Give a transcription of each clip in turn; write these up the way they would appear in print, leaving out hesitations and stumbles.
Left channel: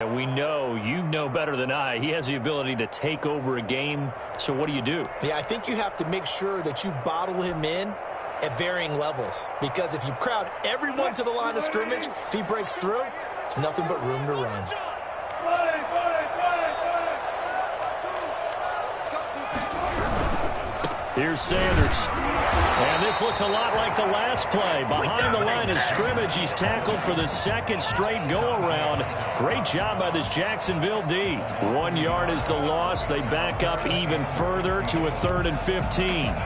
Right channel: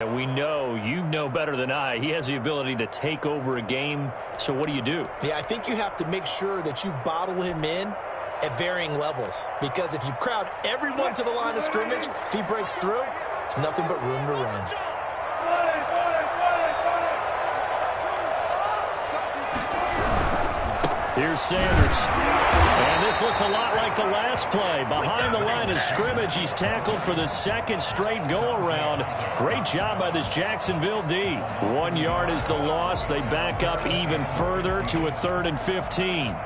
And we know, you know better than I, he has the ability to take over a game. So what do you do? Yeah, I think you have to make sure that you bottle him in at varying levels. Because if you crowd everyone to the line of scrimmage, if he breaks through, there's nothing but room to run. Here's Sanders. And this looks a lot like the last play. Behind the line of scrimmage, he's tackled for the second straight go-around. Great job by this Jacksonville D. 1 yard is the loss. They back up even further to a 3rd and 15.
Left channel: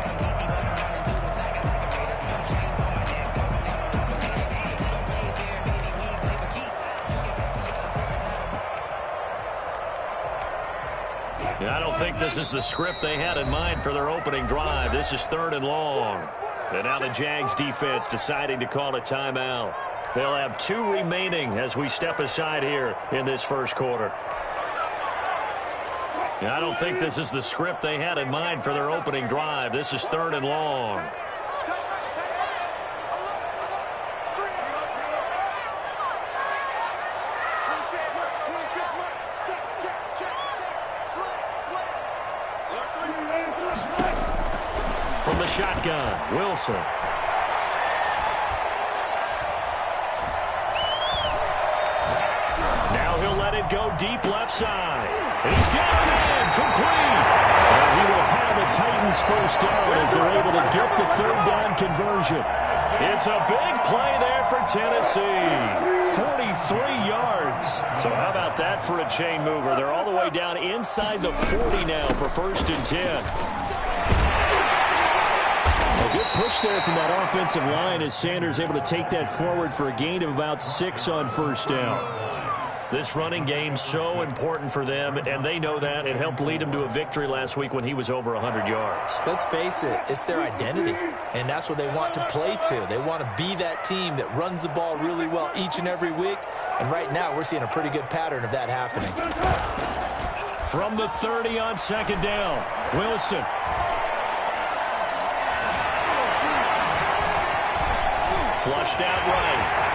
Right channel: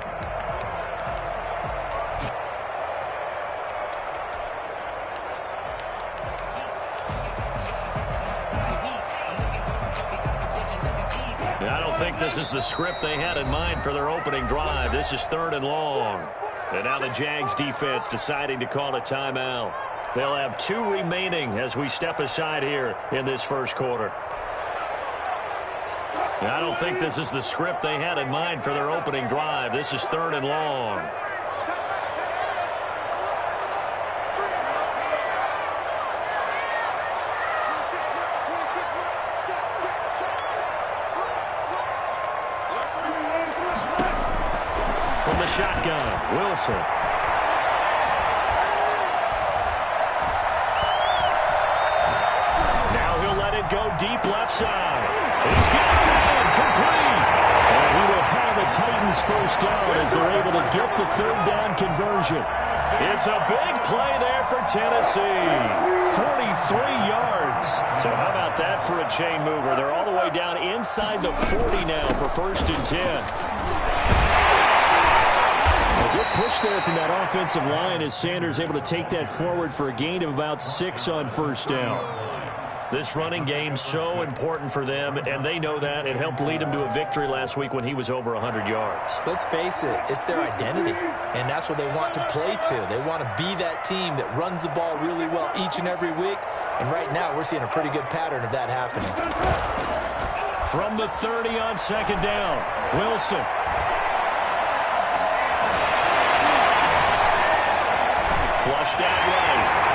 I don't think this is the script they had in mind for their opening drive. This is 3rd and long. And now the Jags defense deciding to call a timeout. They'll have 2 remaining as we step aside here in this first quarter. I don't think this is the script they had in mind for their opening drive. This is 3rd and long. From the shotgun, Wilson. Now he'll let it go deep left side. He's got a man complete. And he will have the Titans first down as they're able to get the 3rd down conversion. It's a big play there for Tennessee. 43 yards. So how about that for a chain mover? They're all the way down inside the 40 now for 1st and 10. A good push there from that offensive line as Sanders able to take that forward for a gain of about 6 on 1st down. This running game so important for them, and they know that. It helped lead them to a victory last week when he was over 100 yards. Let's face it, it's their identity, and that's what they want to play to. They want to be that team that runs the ball really well each and every week, and right now we're seeing a pretty good pattern of that happening. From the 30 on 2nd down, Wilson. Flushed out right.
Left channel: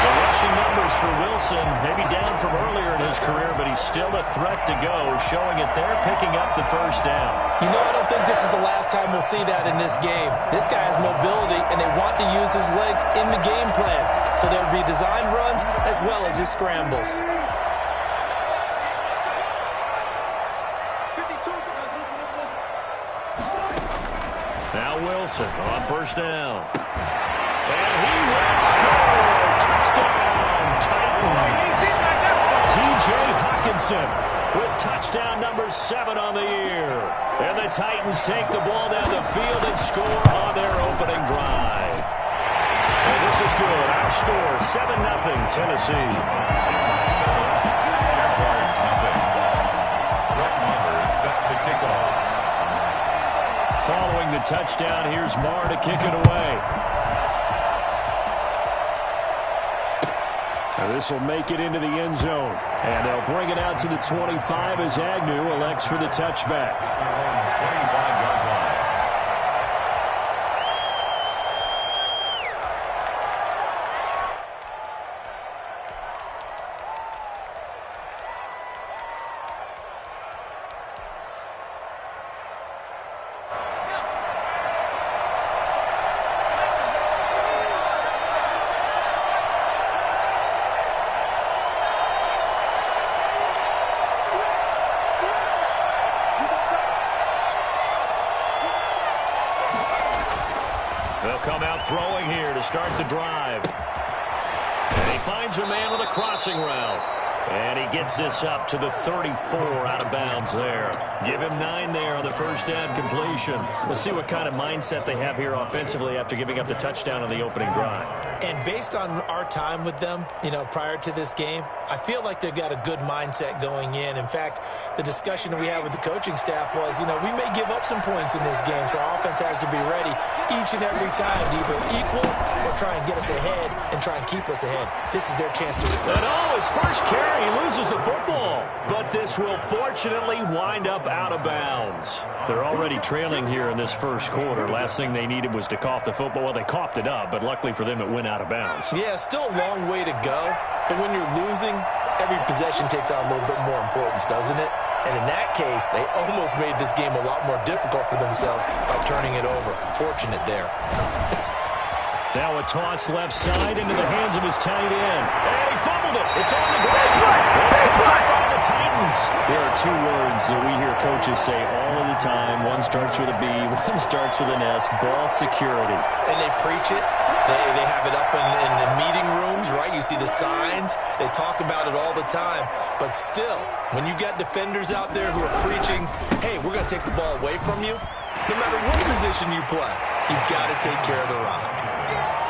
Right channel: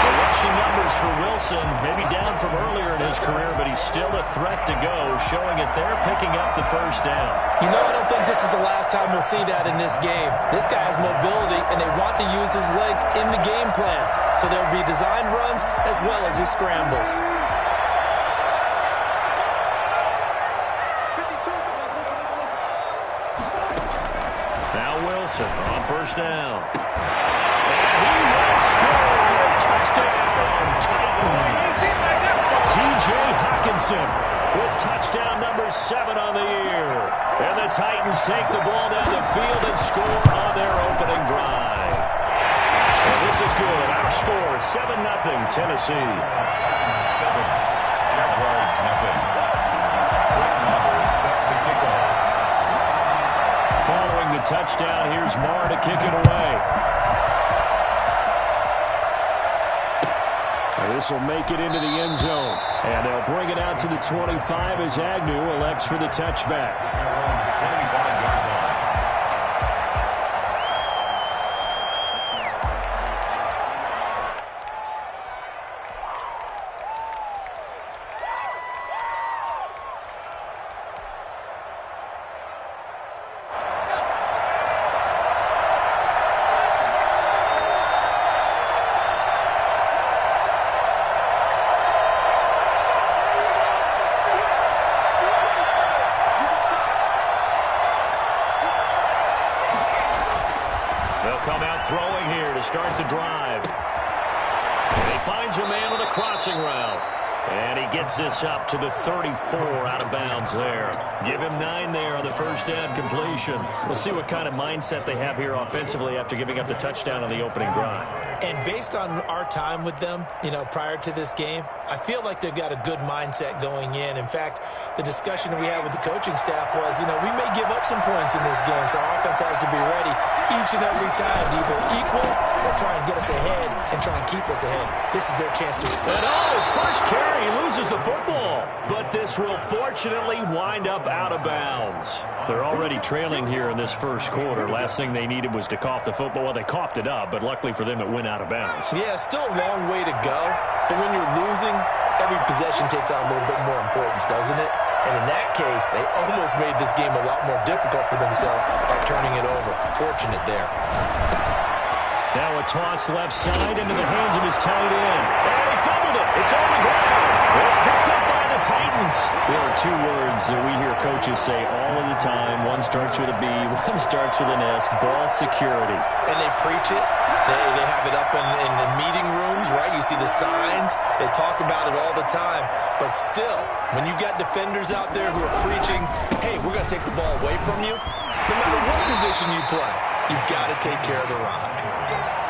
The rushing numbers for Wilson, maybe down from earlier in his career, but he's still a threat to go, showing it there, picking up the 1st down. You know, I don't think this is the last time we'll see that in this game. This guy has mobility, and they want to use his legs in the game plan. So there'll be designed runs as well as his scrambles. Now Wilson on 1st down. And he will score. Touchdown, Titans. T.J. Hockenson with touchdown number 7 on the year. And the Titans take the ball down the field and score on their opening drive. And this is good. Our score, 7-0 Tennessee. 7. Jaguars nothing. Brett Maher is set to kick off. Following the touchdown, here's Maher to kick it away. This will make it into the end zone. And they'll bring it out to the 25 as Agnew elects for the touchback. Their own 25-yard line. They'll come out throwing here to start the drive. And he finds a man with a crossing route. And he gets this up to the 34 out of bounds there. Give him 9 there on the 1st down completion. We'll see what kind of mindset they have here offensively after giving up the touchdown on the opening drive. And based on our time with them, you know, prior to this game, I feel like they've got a good mindset going in. In fact, the discussion that we had with the coaching staff was, you know, we may give up some points in this game, so our offense has to be ready each and every time to either equal or try and get us ahead and try and keep us ahead. This is their chance to. And his first carry, he loses the football. But this will fortunately wind up out of bounds. They're already trailing here in this first quarter. Last thing they needed was to cough the football. Well, they coughed it up, but luckily for them, it went out of bounds. Yeah, still a long way to go. But when you're losing, every possession takes on a little bit more importance, doesn't it? And in that case, they almost made this game a lot more difficult for themselves by turning it over. Fortunate there. Now a toss left side into the hands of his tight end. And he fumbled it. It's on the ground. It's picked up by the Titans. There are two words that we hear coaches say all of the time. One starts with a B, one starts with an S. Ball security. And they preach it. They have it up in the meeting rooms, right? You see the signs. They talk about it all the time. But still, when you got defenders out there who are preaching, hey, we're going to take the ball away from you, no matter what position you play, you've got to take care of the rock.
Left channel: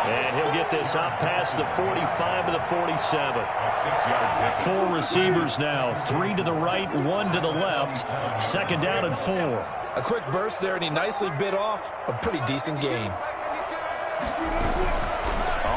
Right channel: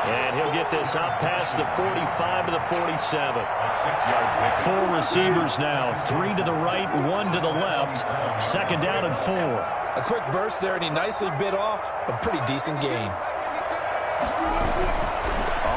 And he'll get this up past the 45 to the 47. 4 receivers now. 3 to the right, 1 to the left. Second down and 4. A quick burst there, and he nicely bit off a pretty decent gain.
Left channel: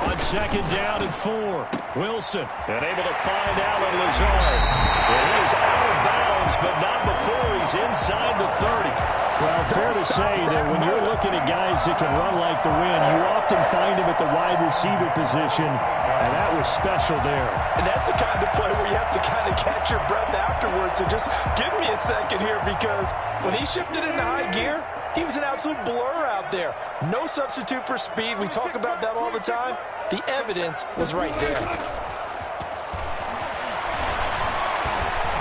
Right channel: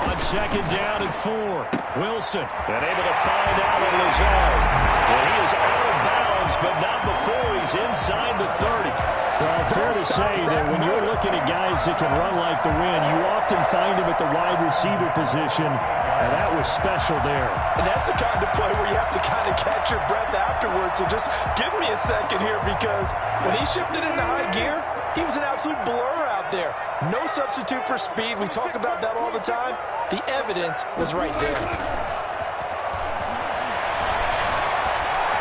On second down and 4. Wilson unable to find Alan Lazard. And he is out of bounds, but not before he's inside the 30. Well, fair to say that when you're looking at guys that can run like the wind, you often find him at the wide receiver position, and that was special there. And that's the kind of play where you have to kind of catch your breath afterwards. So just give me a second here, because when he shifted into high gear, he was an absolute blur out there. No substitute for speed. We talk about that all the time. The evidence was right there.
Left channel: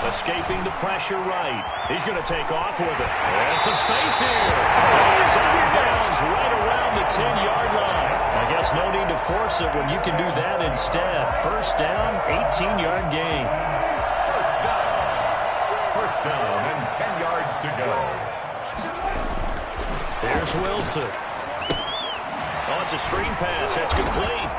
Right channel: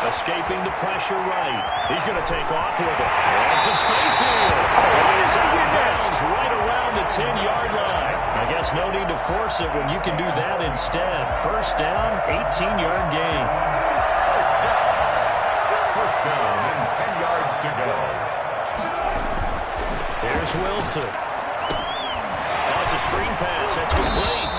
Escaping the pressure right. He's going to take off with it. And some space here. And he's out of bounds right around the 10-yard line. I guess no need to force it when you can do that instead. First down, 18-yard gain. First down and 10 yards to go. Here's Wilson. Oh, it's a screen pass. That's complete.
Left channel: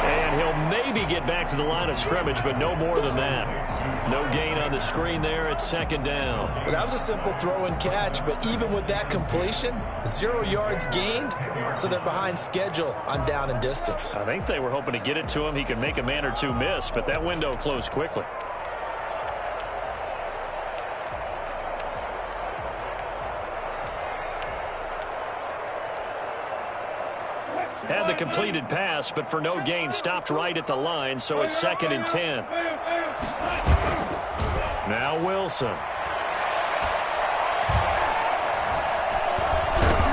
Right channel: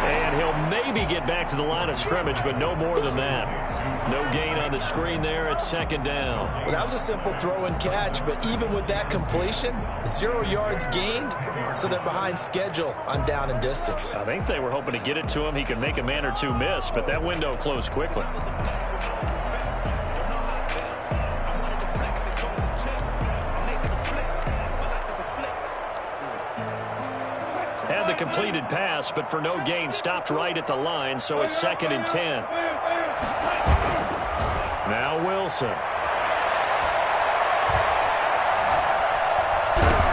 And he'll maybe get back to the line of scrimmage, but no more than that. No gain on the screen there at second down. Well, that was a simple throw and catch, but even with that completion, 0 yards gained, so they're behind schedule on down and distance. I think they were hoping to get it to him. He could make a man or two miss, but that window closed quickly. Had the completed pass, but for no gain, stopped right at the line, so it's second and 10. Now Wilson.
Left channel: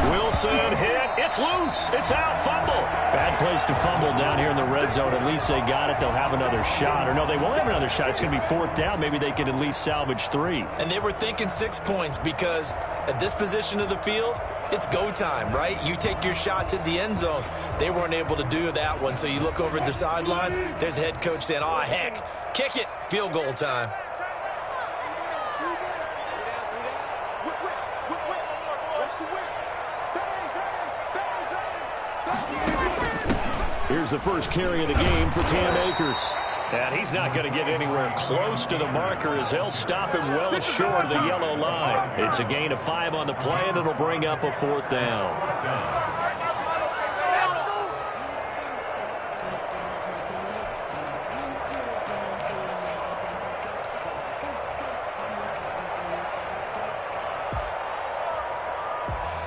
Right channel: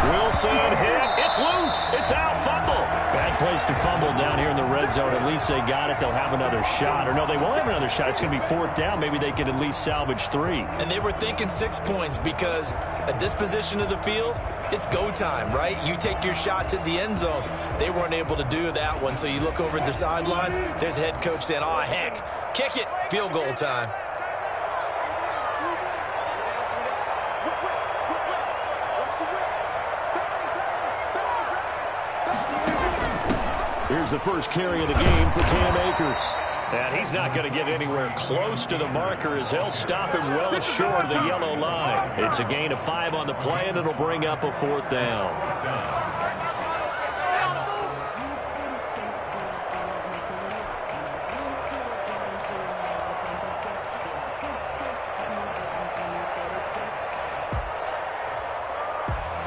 Wilson hit. It's loose. It's out. Fumble. Bad place to fumble down here in the red zone. At least they got it. They'll have another shot. Or no, they won't have another shot. It's going to be fourth down. Maybe they could at least salvage 3. And they were thinking 6 points, because at this position of the field, it's go time, right? You take your shots at the end zone. They weren't able to do that one, so you look over at the sideline. There's the head coach saying, oh, heck, kick it. Field goal time. Here's the first carry of the game for Cam Akers. And he's not going to get anywhere close to the marker, as they'll stop him well short of the yellow line. It's a gain of 5 on the play, and it'll bring up a fourth down.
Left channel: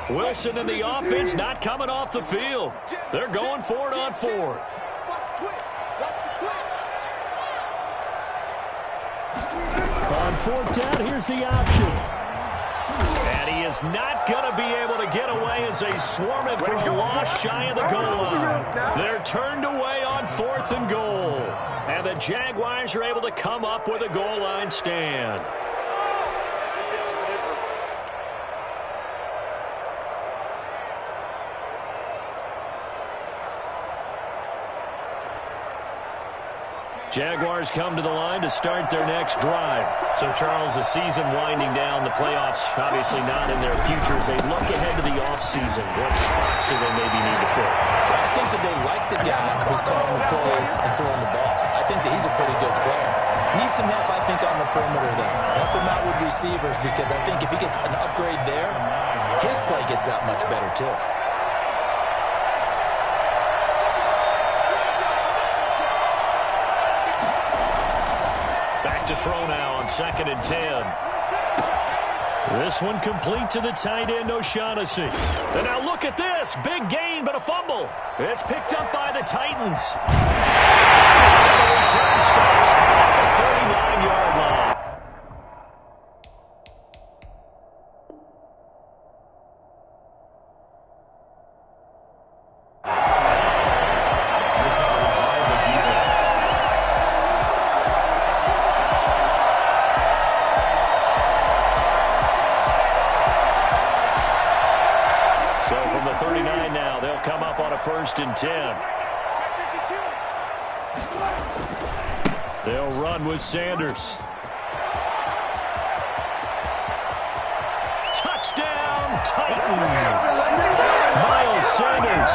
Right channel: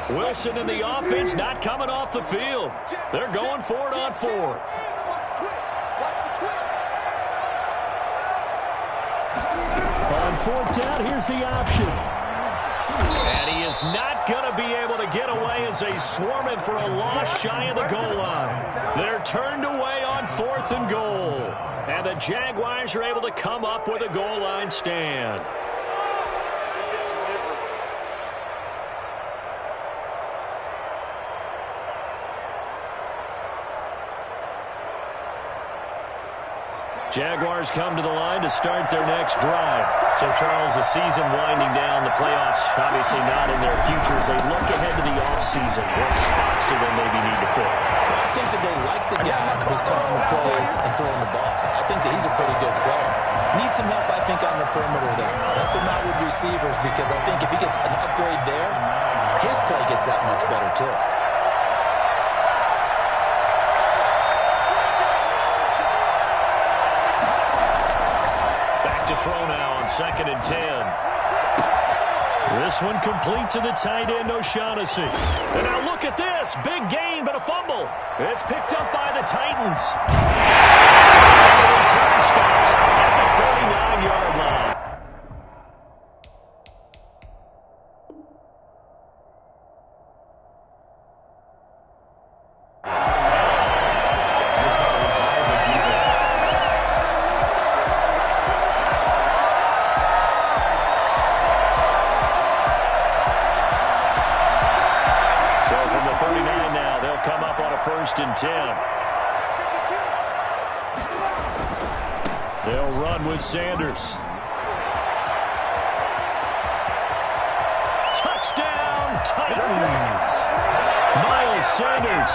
Wilson and the offense not coming off the field. They're going for it on 4th. On 4th down, here's the option. And he is not going to be able to get away as they swarm it for a loss shy of the goal line. They're turned away on 4th and goal. And the Jaguars are able to come up with a goal line stand. Jaguars come to the line to start their next drive. So, Charles, the season winding down, the playoffs obviously not in their future. As they look ahead to the offseason, what spots do they maybe need to fill? Well, I think that they like the guy who's calling the plays and throwing the ball. I think that he's a pretty good player. Needs some help, I think, on the perimeter, though. Help him out with receivers, because I think if he gets an upgrade there, his play gets that much better, too. To throw now on second and 10. This one complete to the tight end, O'Shaughnessy. And now look at this. Big gain, but a fumble. It's picked up by the Titans. And the return stops at the 39-yard line. So from the 39 now, they'll come up on a 1st and 10. They'll run with Sanders. Touchdown, Titans. Miles Sanders,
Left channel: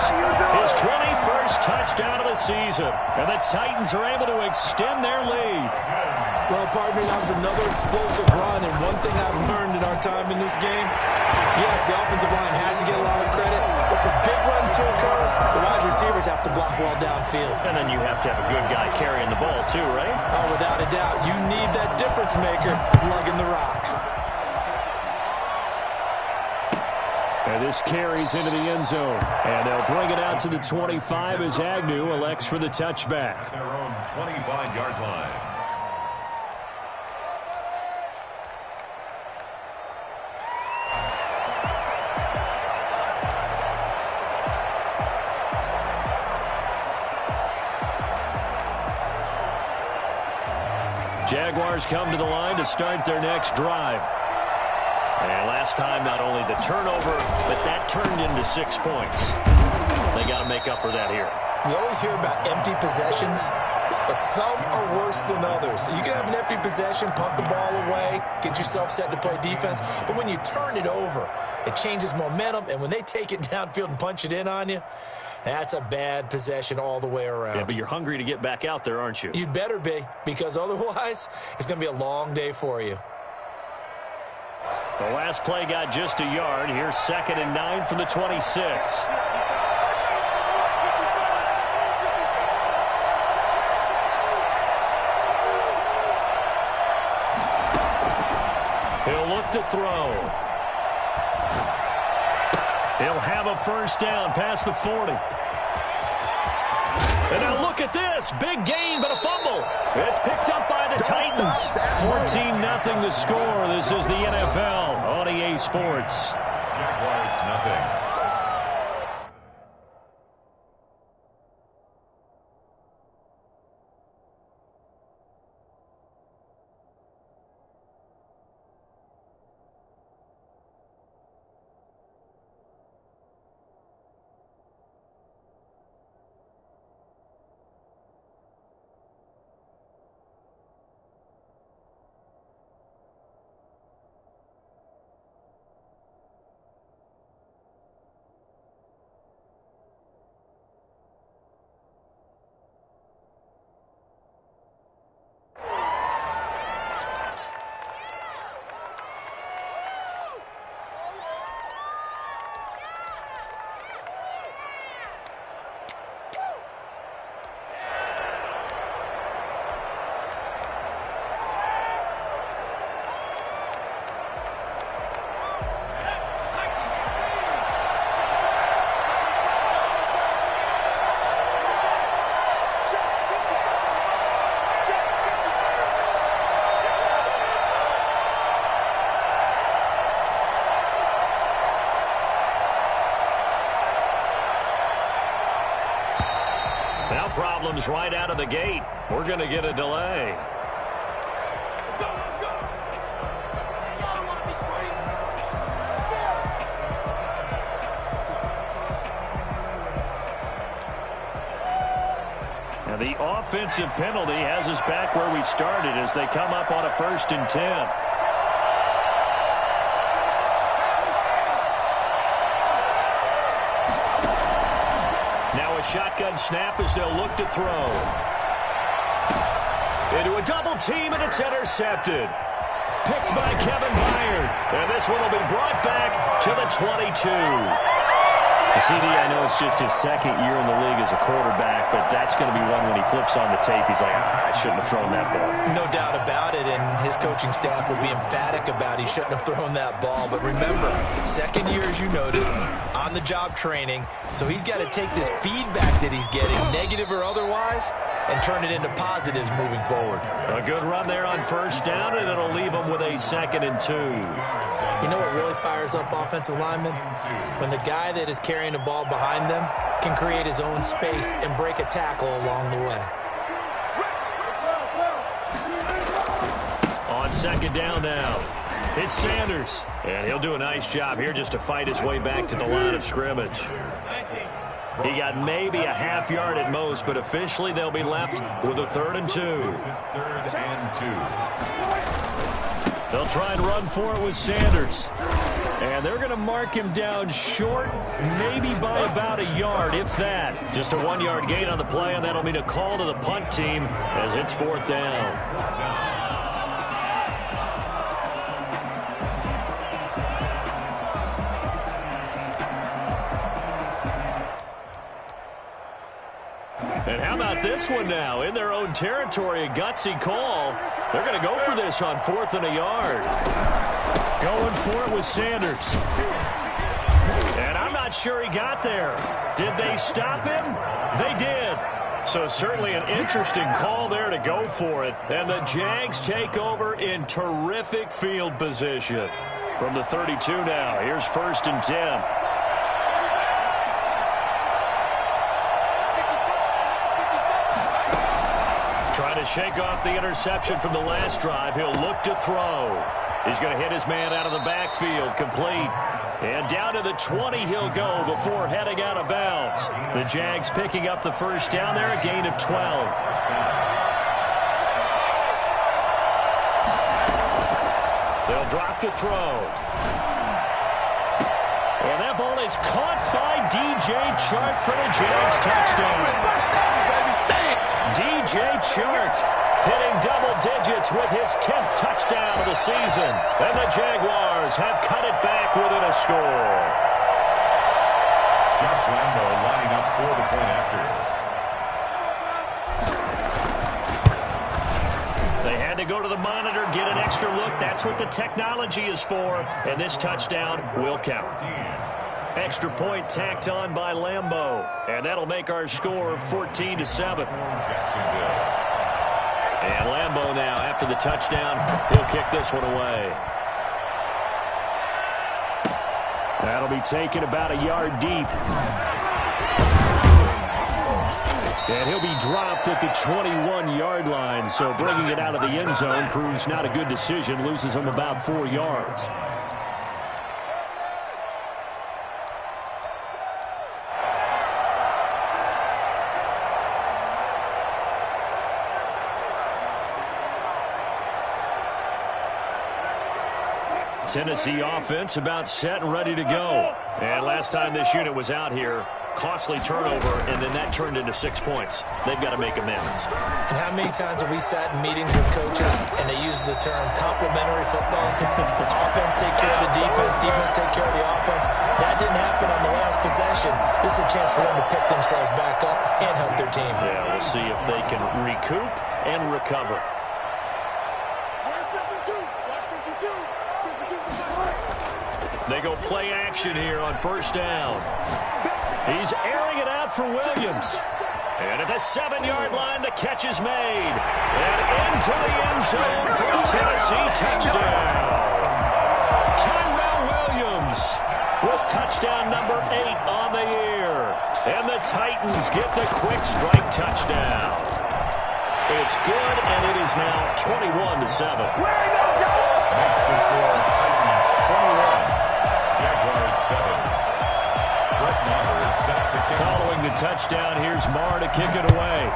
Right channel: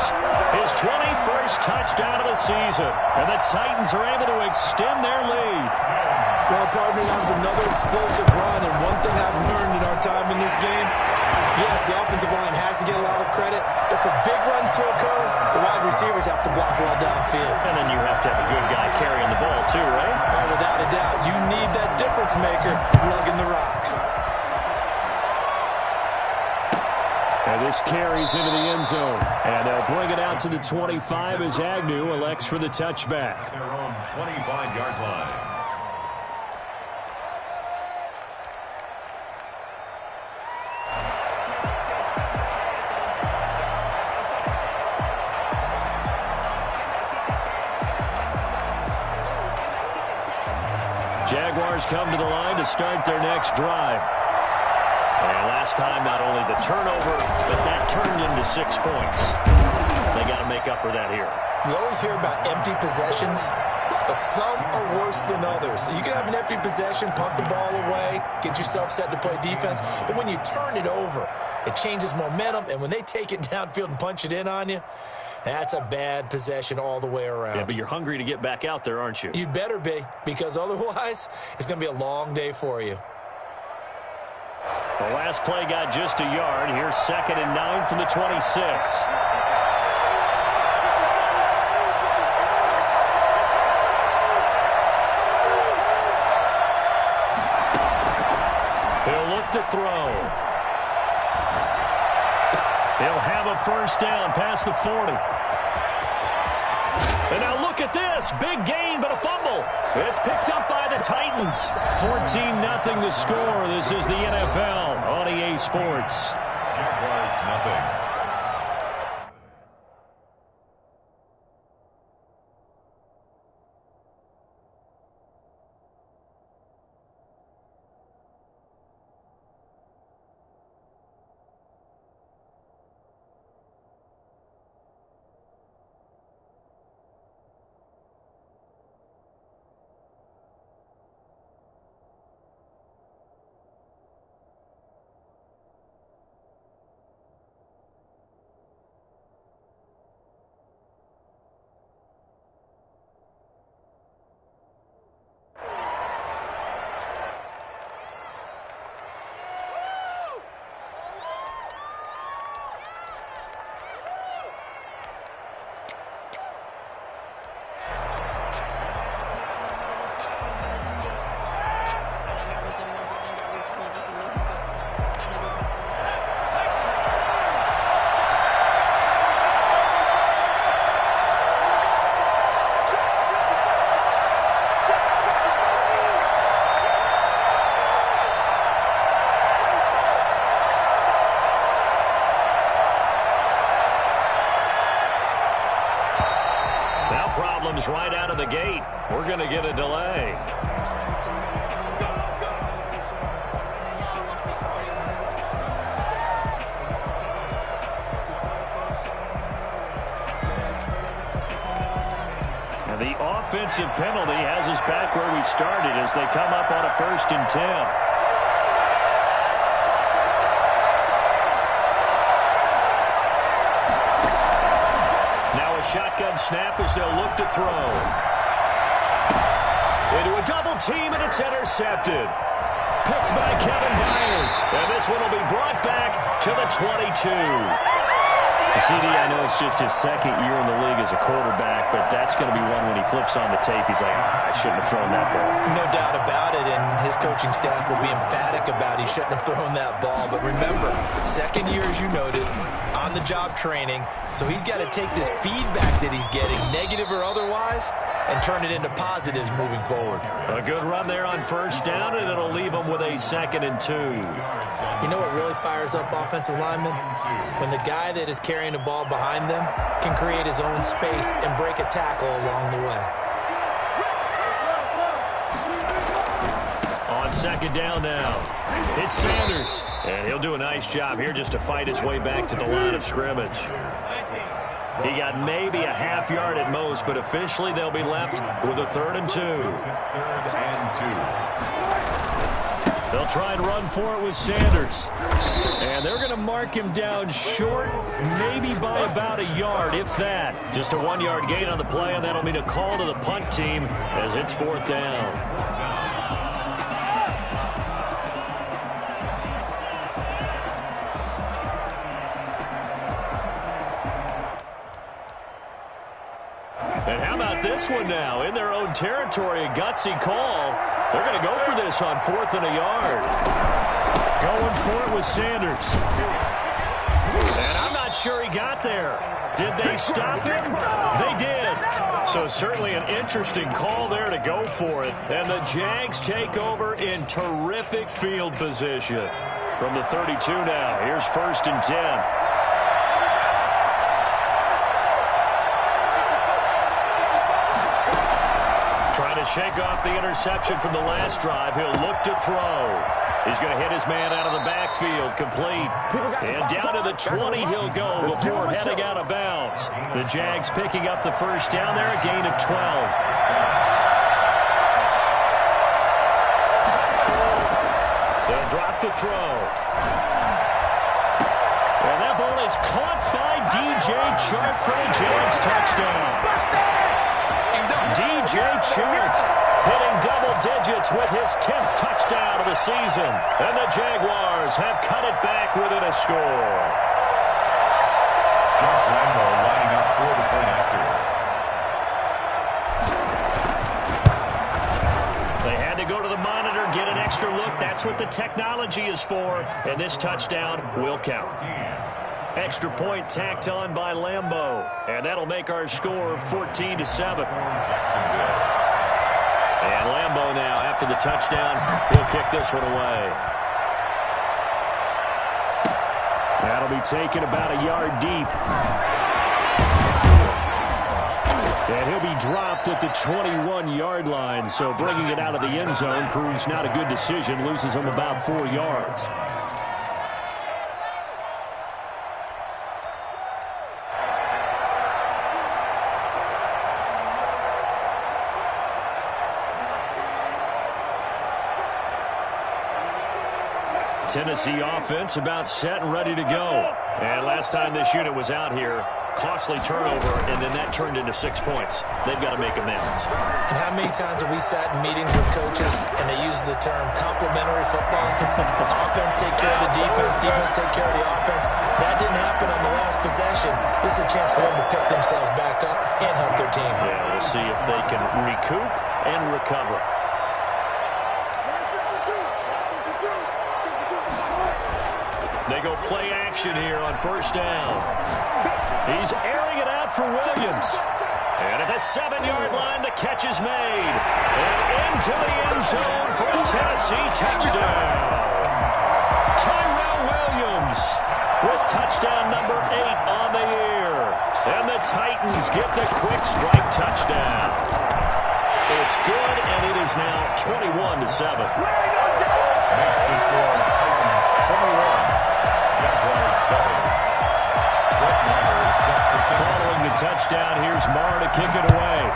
his 21st touchdown of the season. And the Titans are able to extend their lead. Well, partner, that was another explosive run. And one thing I've learned in our time in this game, yes, the offensive line has to get a lot of credit, but for big runs to occur, the wide receivers have to block well downfield. And then you have to have a good guy carrying the ball too, right? Oh, without a doubt. You need that difference maker lugging the rock. And this carries into the end zone. And they'll bring it out to the 25 as Agnew elects for the touchback. Their own 25-yard line. Jaguars come to the line to start their next drive. And last time, not only the turnover, but that turned into 6 points. They got to make up for that here. We always hear about empty possessions, but some are worse than others. You can have an empty possession, punt the ball away, get yourself set to play defense, but when you turn it over, it changes momentum, and when they take it downfield and punch it in on you, that's a bad possession all the way around. Yeah, but you're hungry to get back out there, aren't you? You'd better be, because otherwise, it's going to be a long day for you. The last play got just a yard. Here's 2nd and 9 from the 26. He'll look to throw. He'll have a 1st down past the 40. And now look at this. Big gain, but a fumble. It's picked up by the Titans. 14-0 the score. This is the NFL on EA Sports. Jaguars, nothing. Now problems right out of the gate. We're going to get a delay. And the offensive penalty has us back where we started as they come up on a 1st and 10. Now a shotgun snap as they'll look to throw. Into a double team, and it's intercepted. Picked by Kevin Byard. And this one will be brought back to the 22. CD, I know it's just his 2nd year in the league as a quarterback, but that's going to be one when he flips on the tape. He's like, I shouldn't have thrown that ball. No doubt about it, and his coaching staff will be emphatic about he shouldn't have thrown that ball. But remember, 2nd year, as you noted, on-the-job training, so he's got to take this feedback that he's getting, negative or otherwise, and turn it into positives moving forward. A good run there on first down, and it'll leave them with a 2nd and 2. You know what really fires up offensive linemen? When the guy that is carrying the ball behind them can create his own space and break a tackle along the way. On 2nd down now, it's Sanders. And he'll do a nice job here just to fight his way back to the line of scrimmage. He got maybe a half yard at most, but officially they'll be left with a 3rd and 2. 3rd and 2. They'll try and run for it with Sanders. And they're going to mark him down short, maybe by about a yard, if that. Just a 1-yard gain on the play, and that'll mean a call to the punt team as it's 4th down. And how about this one now? In their own territory, a gutsy call. They're going to go for this on 4th and a yard. Going for it with Sanders. And I'm not sure he got there. Did they stop him? They did. So certainly an interesting call there to go for it. And the Jags take over in terrific field position. From the 32 now, here's 1st and 10. Trying to shake off the interception from the last drive. He'll look to throw. He's going to hit his man out of the backfield, complete. And down to the 20 he'll go before heading out of bounds. The Jags picking up the 1st down there, a gain of 12. They'll drop to throw. And that ball is caught by DJ Chark for the Jags touchdown. DJ Chark hitting double digits with his 10th touchdown of the season. And the Jaguars have cut it back within a score. Josh Lambo lining up for the point after. They had to go to the monitor, get an extra look. That's what the technology is for. And this touchdown will count. Extra point tacked on by Lambo. And that'll make our score 14-7. And Lambo now, after the touchdown, he'll kick this one away. That'll be taken about a yard deep. And he'll be dropped at the 21-yard line. So bringing it out of the end zone proves not a good decision. Loses him about 4 yards. Tennessee offense about set and ready to go. And last time this unit was out here, costly turnover, and then that turned into 6 points. They've got to make amends. And how many times have we sat in meetings with coaches and they use the term complementary football? Offense take care of the defense, defense take care of the offense. That didn't happen on the last possession. This is a chance for them to pick themselves back up and help their team. Yeah, we'll see if they can recoup and recover. They go play action here on 1st down. He's airing it out for Williams. And at the 7-yard line, the catch is made. And into the end zone for a Tennessee touchdown. Tyrell Williams with touchdown number 8 on the year. And the Titans get the quick strike touchdown. It's good, and it is now 21-7. Makes the score Titans 21. Jaguars 7. Brett Maher is set to kick. Following the touchdown, here's Maher to kick it away.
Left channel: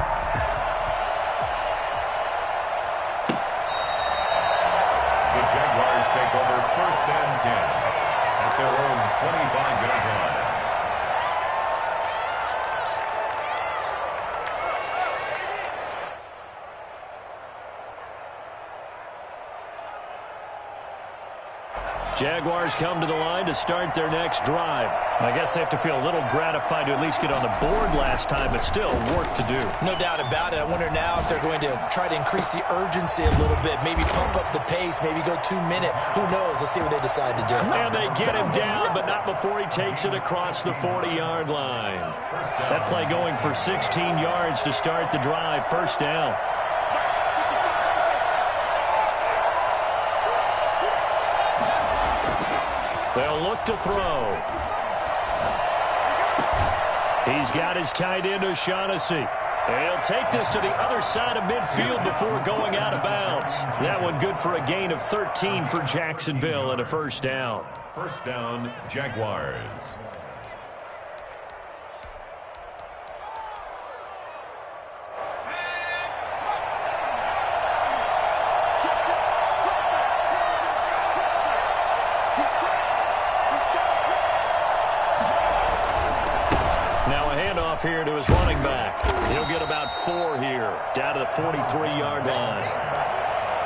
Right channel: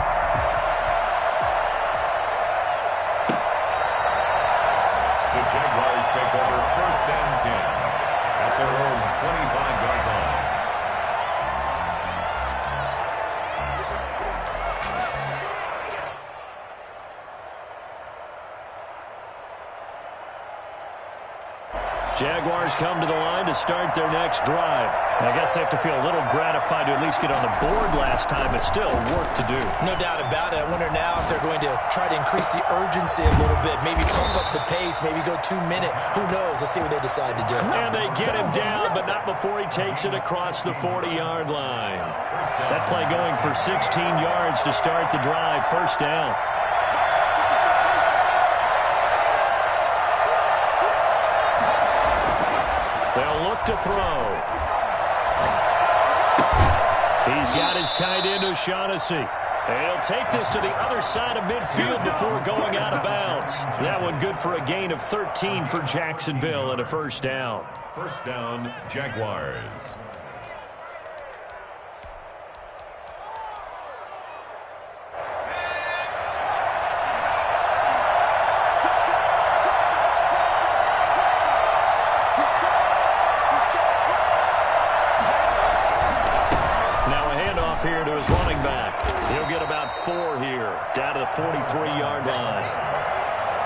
The Jaguars take over 1st and 10 at their own 25-yard line. Jaguars come to the line to start their next drive. I guess they have to feel a little gratified to at least get on the board last time, but still work to do. No doubt about it. I wonder now if they're going to try to increase the urgency a little bit, maybe pump up the pace, maybe go 2 minute. Who knows? Let's see what they decide to do. And they get him down, but not before he takes it across the 40-yard line. That play going for 16 yards to start the drive. First down. They'll look to throw. He's got his tight end, O'Shaughnessy. He'll take this to the other side of midfield before going out of bounds. That one good for a gain of 13 for Jacksonville and a first down. First down, Jaguars. Here to his running back. He'll get about 4 here, down to the 43-yard line.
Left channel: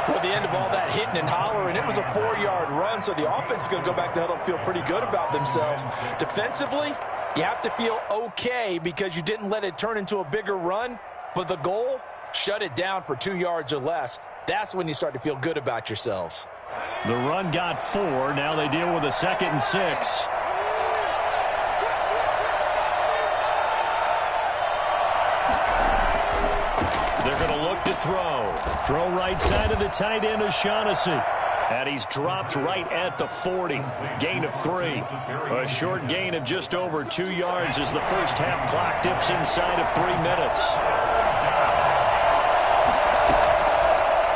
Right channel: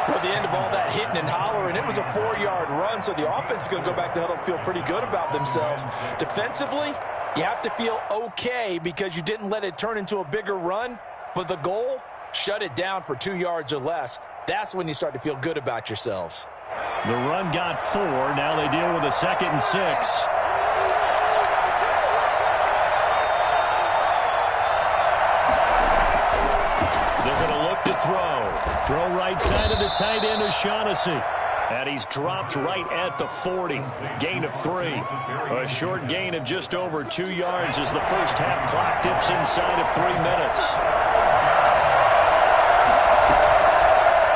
Well, at the end of all that hitting and hollering, it was a 4-yard run, so the offense is going to go back to huddle and feel pretty good about themselves. Defensively, you have to feel okay because you didn't let it turn into a bigger run, but the goal, shut it down for 2 yards or less. That's when you start to feel good about yourselves. The run got 4. Now they deal with a 2nd and 6. They're going to look to throw. Throw right side of the tight end, O'Shaughnessy. And he's dropped right at the 40. Gain of 3. A short gain of just over 2 yards as the first half clock dips inside of 3 minutes.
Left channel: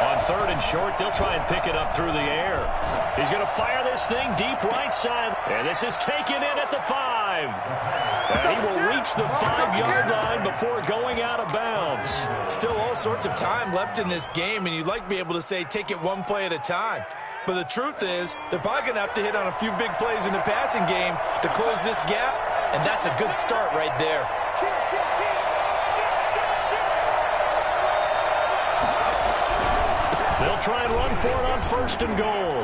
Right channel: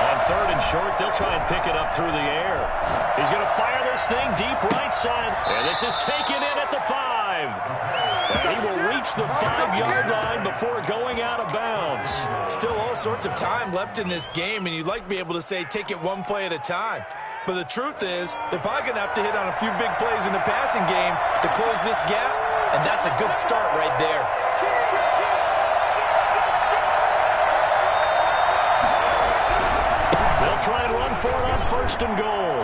On 3rd and short, they'll try and pick it up through the air. He's going to fire this thing deep right side. And this is taken in at the 5. And he will reach the 5-yard line before going out of bounds. Still all sorts of time left in this game, and you'd like to be able to say take it one play at a time. But the truth is, they're probably going to have to hit on a few big plays in the passing game to close this gap, and that's a good start right there. They'll try and run for it on 1st and goal.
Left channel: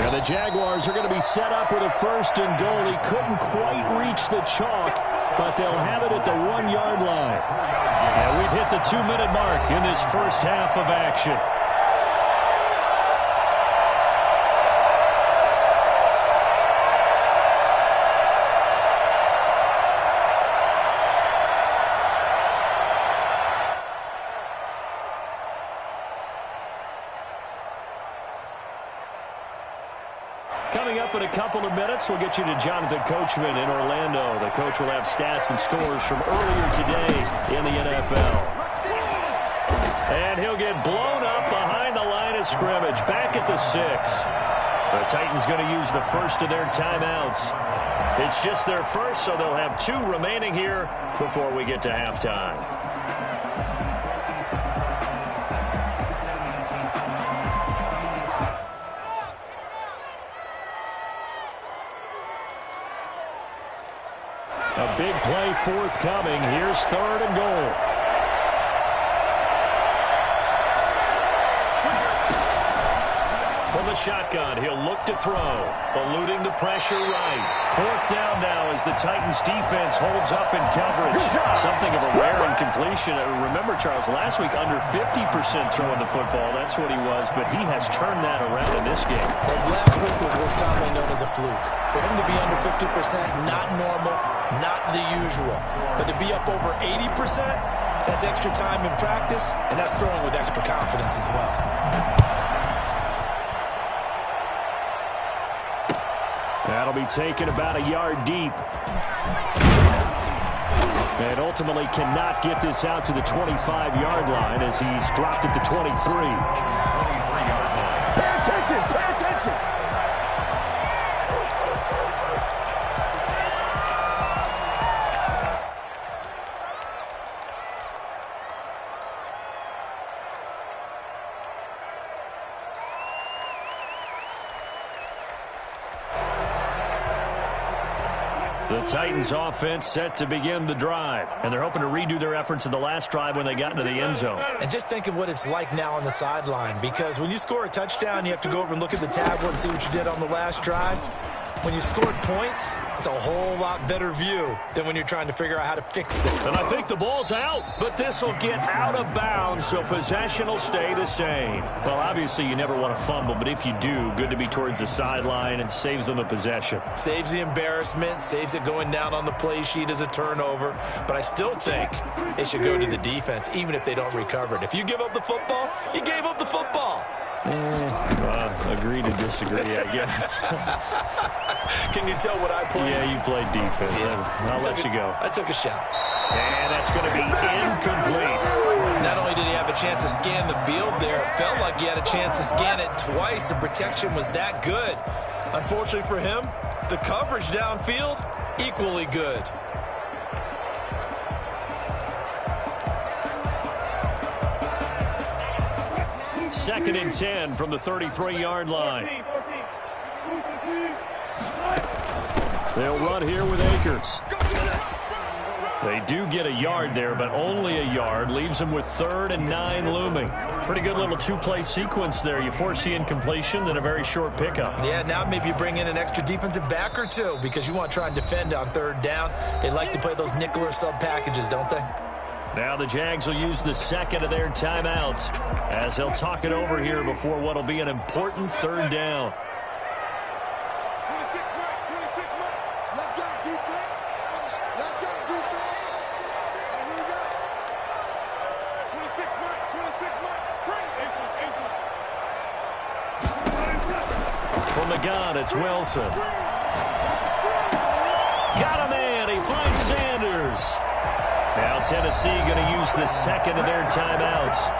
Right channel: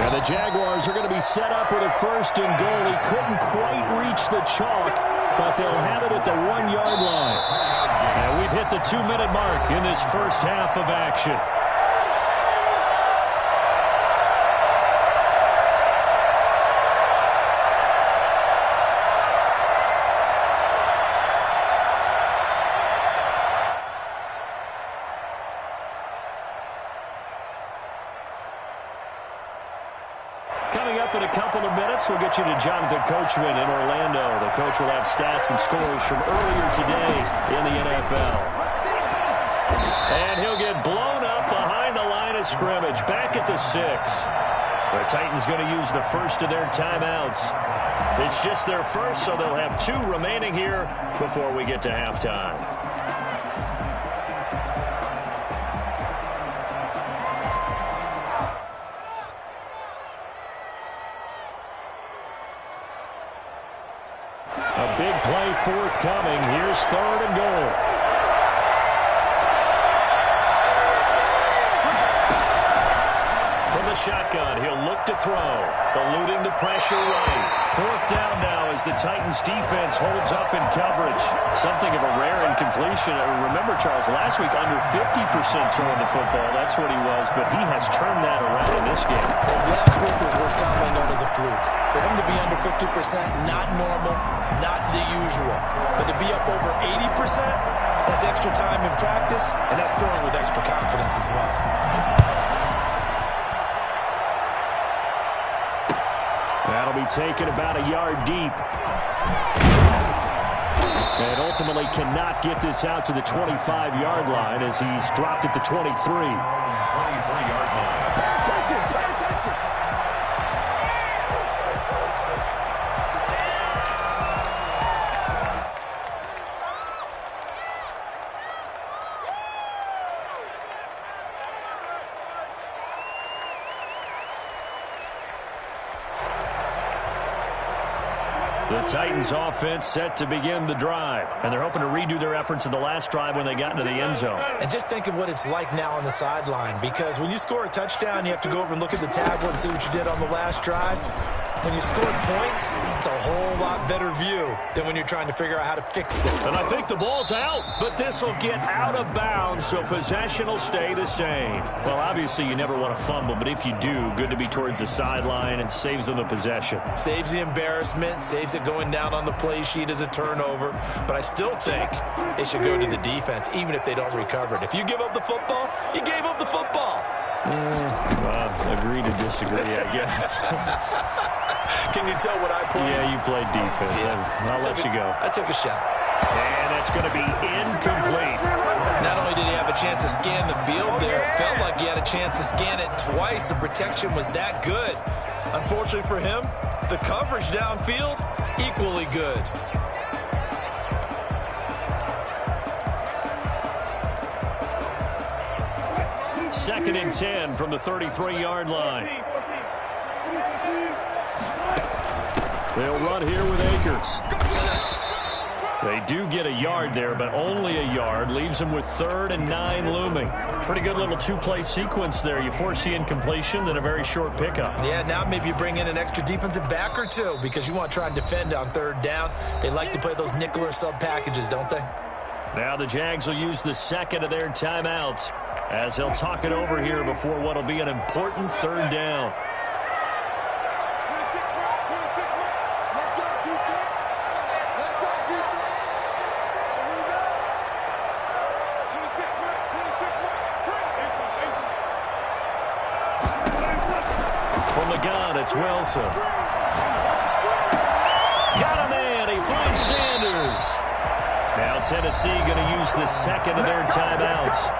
And the Jaguars are going to be set up with a 1st and goal. He couldn't quite reach the chalk, but they'll have it at the 1-yard line. And we've hit the 2-minute mark in this first half of action. Coming up in a couple of minutes, we'll get you to Jonathan Coachman in Orlando. The coach will have stats and scores from earlier today in the NFL. And he'll get blown up behind the line of scrimmage, back at the 6. The Titans going to use the first of their timeouts. It's just their first, so they'll have 2 remaining here before we get to halftime. A big play forthcoming. Here's 3rd and goal. From the shotgun, he'll look to throw. Eluding the pressure right. 4th down now as the Titans defense holds up in coverage. Something of a rare incompletion. Remember, Charles, last week under 50% throwing the football. That's what he was, but he has turned that around in this game. Well, last week was what's commonly known as a fluke. For him to be under 50%, not normal, not the usual. But to be up over 80%, that's extra time in practice, and that's throwing with extra confidence as well. That'll be taken about a yard deep. And ultimately cannot get this out to the 25-yard line as he's dropped at the 23. 23-yard line. Pay attention! Pay attention! The Titans offense set to begin the drive, and they're hoping to redo their efforts in the last drive when they got into the end zone. And just think of what it's like now on the sideline, because when you score a touchdown, you have to go over and look at the tablet and see what you did on the last drive. When you scored points, it's a whole lot better view than when you're trying to figure out how to fix them. And I think the ball's out, but this will get out of bounds, so possession will stay the same. Well, obviously, you never want to fumble, but if you do, good to be towards the sideline. It saves them the possession. Saves the embarrassment, saves it going down on the play sheet as a turnover. But I still think it should go to the defense, even if they don't recover it. If you give up the football, you gave up the football. Agree to disagree, I guess. Can you tell what I played? Yeah, you played defense. Yeah. I'll let you go. I took a shot. And that's going to be incomplete. Not only did he have a chance to scan the field there, it felt like he had a chance to scan it twice. The protection was that good. Unfortunately for him, the coverage downfield, equally good. Second and 10 from the 33-yard line. They'll run here with Akers. They do get a yard there, but only a yard. Leaves them with 3rd and 9 looming. Pretty good little two-play sequence there. You force the incompletion, then a very short pickup. Yeah, now maybe you bring in an extra defensive back or two because you want to try and defend on 3rd down. They like to play those nickel or sub packages, don't they? Now the Jags will use the second of their timeouts as they'll talk it over here before what will be an important 3rd down. 26 mark. Let's go defense. Let's go defense. And we got 26 mark. From the gun, it's Wilson. Got a man. He finds Sanders. Now Tennessee going to use the second of their timeouts.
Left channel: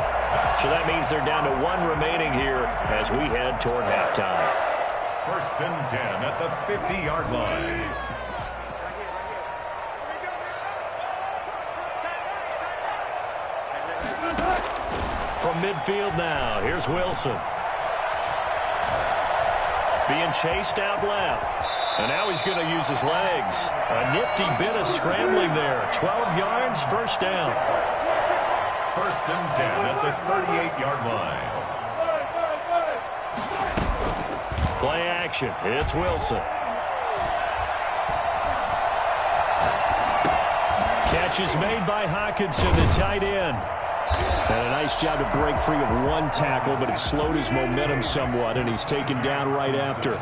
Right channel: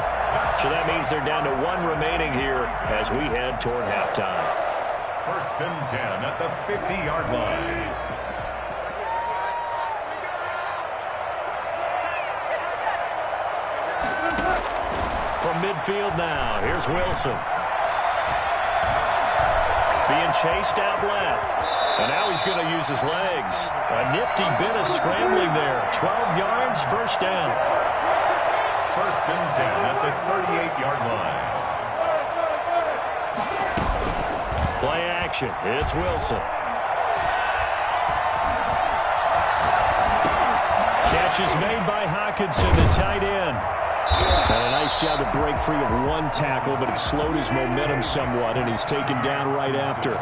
So that means they're down to 1 remaining here as we head toward halftime. 1st and 10 at the 50-yard line. From midfield now, here's Wilson. Being chased out left. And now he's going to use his legs. A nifty bit of scrambling there. 12 yards, 1st down. 1st and 10 at the 38-yard line. Play action. It's Wilson. Catch is made by Hockenson, the tight end. And a nice job to break free of 1 tackle, but it slowed his momentum somewhat, and he's taken down right after.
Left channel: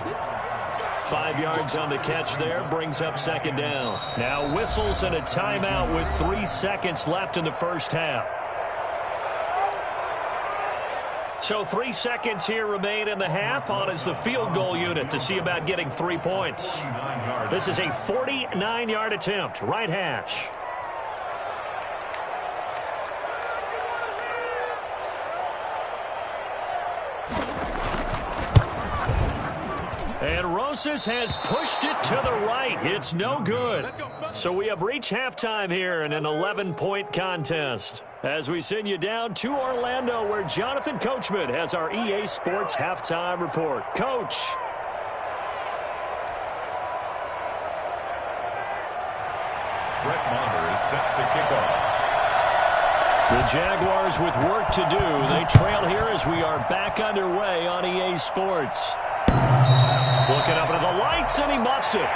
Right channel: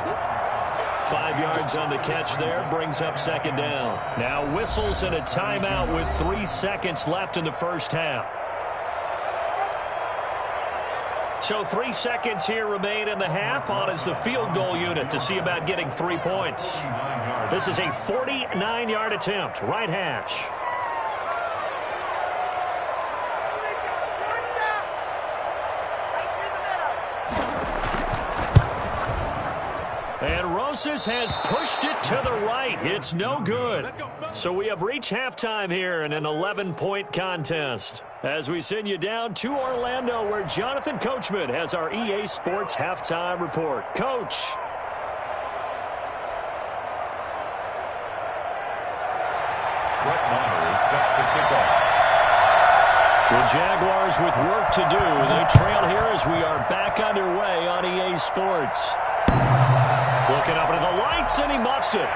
5 yards on the catch there, brings up 2nd down. Now whistles and a timeout with 3 seconds left in the first half. So 3 seconds here remain in the half. On is the field goal unit to see about getting 3 points. This is a 49-yard attempt, right hash. And Rosas has pushed it to the right. It's no good. So we have reached halftime here in an 11-point contest. As we send you down to Orlando, where Jonathan Coachman has our EA Sports Halftime Report. Coach. Brett Maher is set to kick off. The Jaguars with work to do. They trail here as we are back underway on EA Sports. Looking up into the lights, and he muffs it.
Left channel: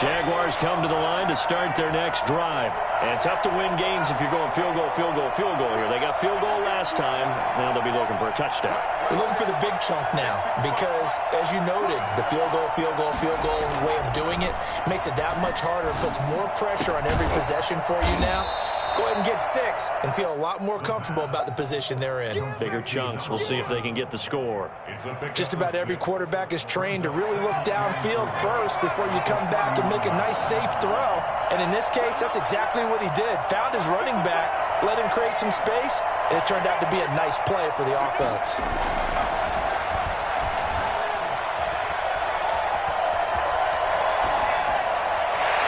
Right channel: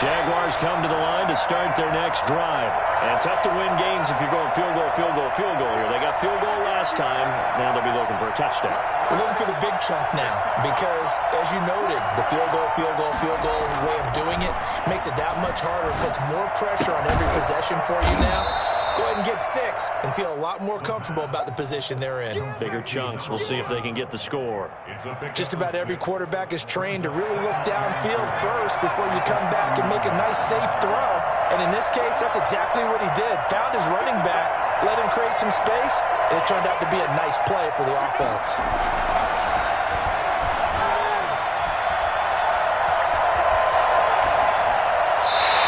Jaguars come to the line to start their next drive. And tough to win games if you're going field goal here. They got field goal last time. Now they'll be looking for a touchdown. They're looking for the big chunk now because, as you noted, the field goal way of doing it makes it that much harder and puts more pressure on every possession for you now. Go ahead and get 6 and feel a lot more comfortable about the position they're in. Bigger chunks. We'll see if they can get the score. Just about every quarterback is trained to really look downfield first before you come back and make a nice, safe throw. And in this case, that's exactly what he did. Found his running back, let him create some space, and it turned out to be a nice play for the offense.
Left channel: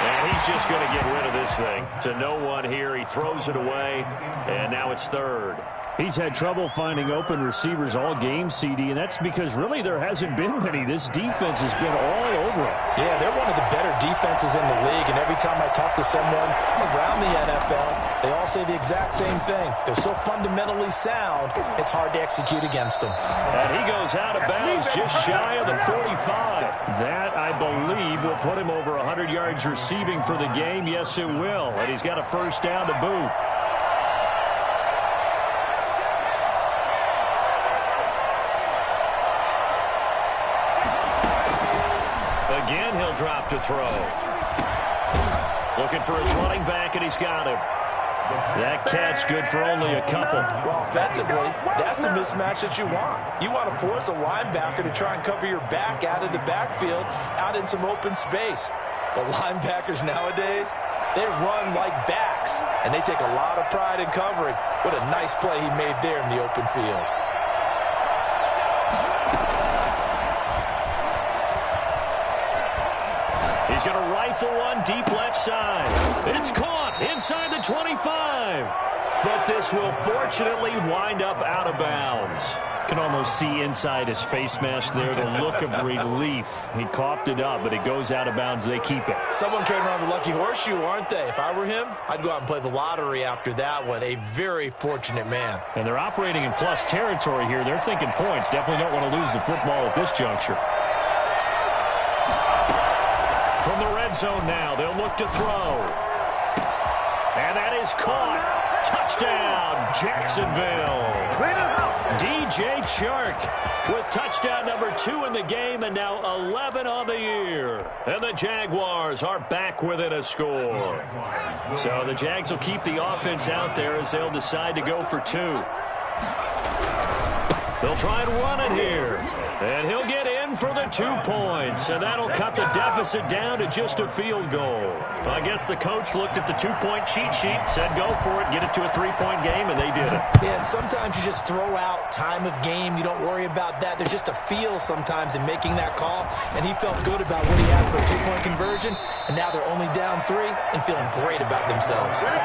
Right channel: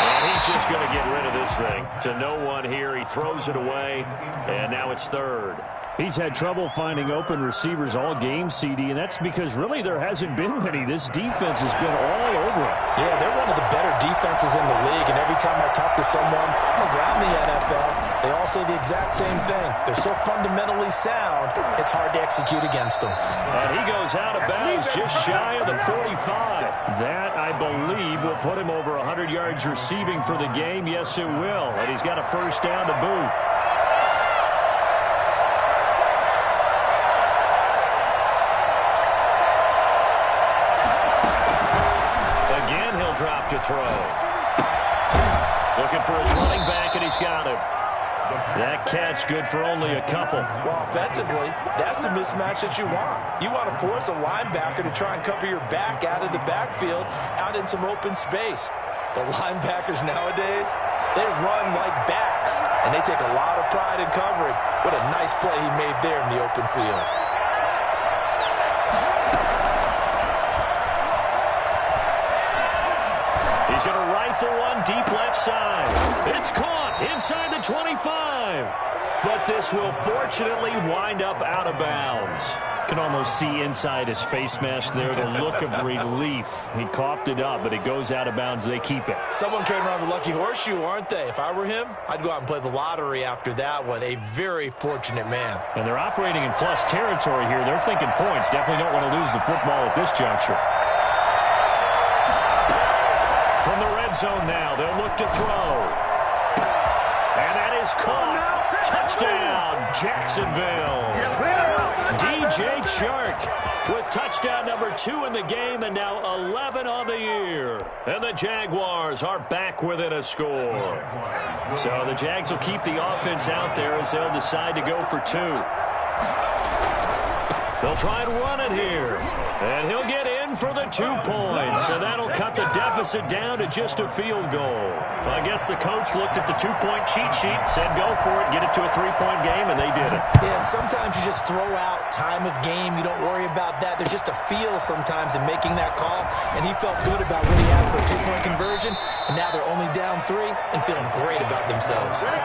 And he he's just going to get rid of this thing. To no one here. He throws it away, and now it's third. He's had trouble finding open receivers all game, CD, and that's because really there hasn't been many. This defense has been all over him. Yeah, they're one of the better defenses in the league, and every time I talk to someone around the NFL, they all say the exact same thing. They're so fundamentally sound, it's hard to execute against them. And he goes out of bounds just shy of the 45. That, I believe, will put him over 100 yards receiving for the game. Yes, it will. And he's got a first down to boot. Again, he'll drop to throw. Looking for his running back, and he's got him. That catch good for only a couple. Well, offensively, that's the mismatch that you want. You want to force a linebacker to try and cover your back out of the backfield, out in some open space. But linebackers nowadays, they run like backs, and they take a lot of pride in covering. What a nice play he made there in the open field. He's going to rifle one deep left side. It's caught inside the 25. But this will fortunately wind up out of bounds. Can almost see inside his face mask there the look of relief. He coughed it up, but it goes out of bounds. They keep it. Someone came around the lucky horseshoe, aren't they? If I were him, I'd go out and play the lottery after that one. A very fortunate man. And they're operating in plus territory here. They're thinking points. Definitely don't want to lose the football at this juncture. From the red zone now, they'll look to throw. And that is caught. Touchdown, Jacksonville. DJ Chark with touchdown number 2 in the game, and now 11 on the year. And the Jaguars are back within a score. So the Jags will keep the offense out there as they'll decide to go for 2. They'll try and run it here. And he'll get in for the 2 points. And that'll cut the deficit down to just a field goal. I guess the coach looked at the 2-point cheat sheet, said go for it, get it to a 3-point game, and they did it. Yeah, and sometimes you just throw out time of game. You don't worry about that. There's just a feel sometimes in making that call. And he felt good about what he had for a 2-point conversion. And now they're only down 3 and feeling great about themselves. At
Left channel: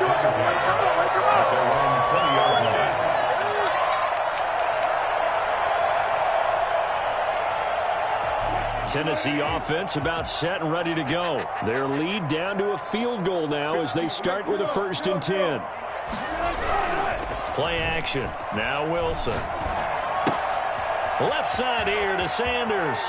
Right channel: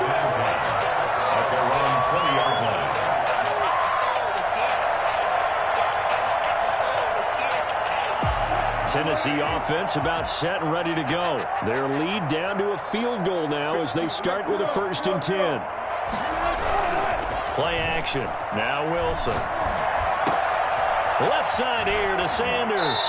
their own 20-yard line. Tennessee offense about set and ready to go. Their lead down to a field goal now as they start with a 1st and 10. Play action. Now Wilson. Left side here to Sanders.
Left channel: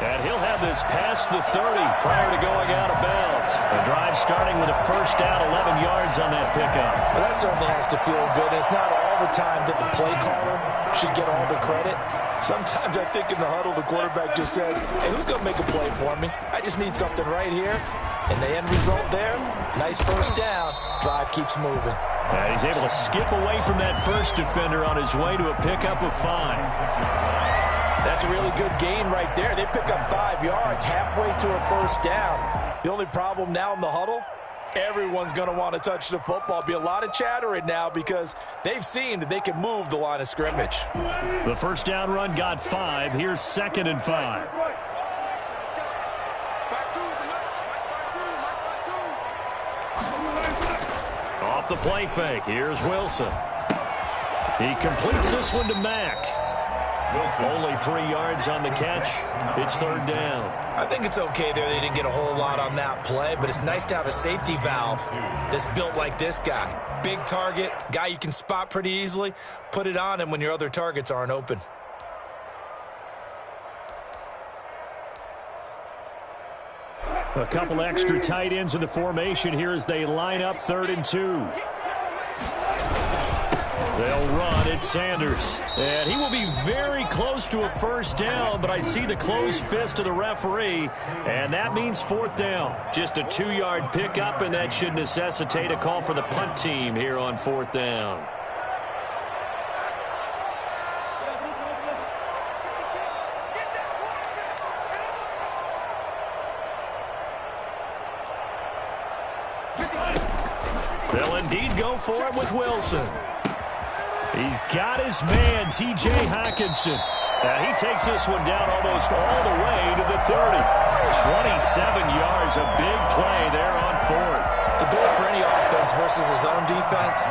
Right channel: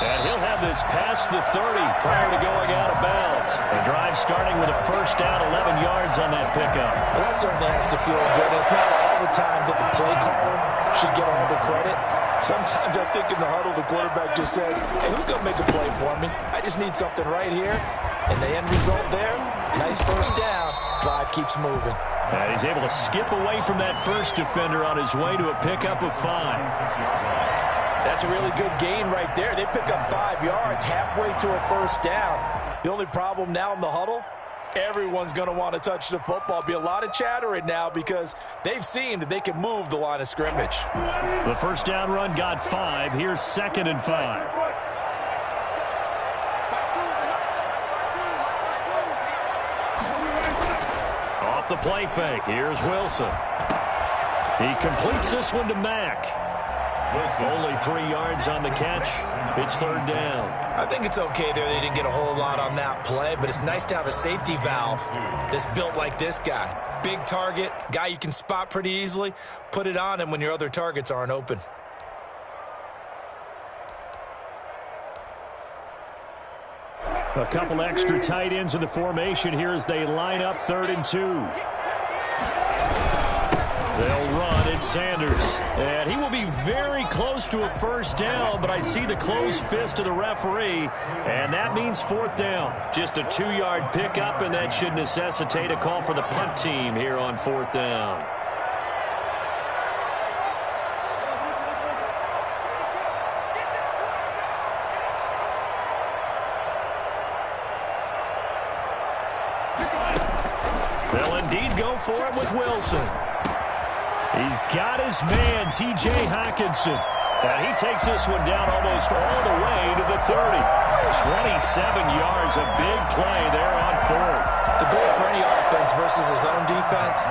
And he'll have this past the 30 prior to going out of bounds. The drive starting with a first down, 11 yards on that pickup. Well, that certainly has to feel good. It's not all the time that the play caller should get all the credit. Sometimes I think in the huddle, the quarterback just says, hey, who's going to make a play for me? I just need something right here. And the end result there, nice first down. Drive keeps moving. And he's able to skip away from that first defender on his way to a pickup of 5. That's a really good gain right there. They pick up 5 yards halfway to a first down. The only problem now in the huddle, everyone's going to want to touch the football. Be a lot of chatter right now because they've seen that they can move the line of scrimmage. The first down run got 5. Here's 2nd and 5. Off the play fake. Here's Wilson. He completes this one to Mack. Only 3 yards on the catch. It's 3rd down. I think it's okay there. They didn't get a whole lot on that play, but it's nice to have a safety valve that's built like this guy. Big target, guy you can spot pretty easily. Put it on him when your other targets aren't open. A couple extra tight ends in the formation here as they line up 3rd and 2. They'll run. It's Sanders. And he will be very close to a first down, but I see the closed fist of the referee, and that means 4th down. Just a 2-yard pickup, and that should necessitate a call for the punt team here on 4th down. They'll indeed go for it with Wilson. He's got his man, T.J. Hockenson. And he takes this one down almost all the way to the 30. 27 yards, a big play there on fourth. The goal for any offense versus his own defense,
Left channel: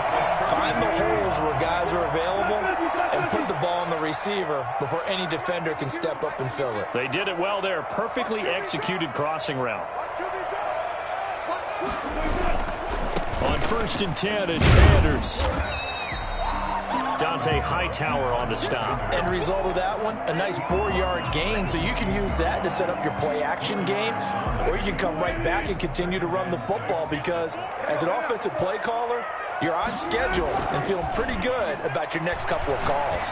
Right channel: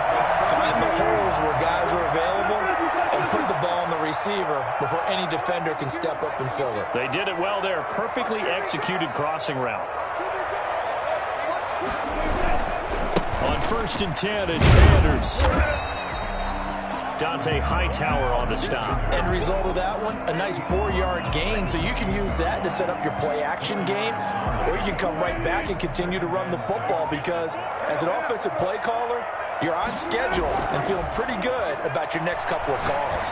find the holes where guys are available and put the ball on the receiver before any defender can step up and fill it. They did it well there. Perfectly executed crossing route. On 1st and 10, it's Sanders. Dante Hightower on the stop. End result of that one, a nice 4-yard gain, so you can use that to set up your play-action game, or you can come right back and continue to run the football because as an offensive play caller, you're on schedule and feeling pretty good about your next couple of calls.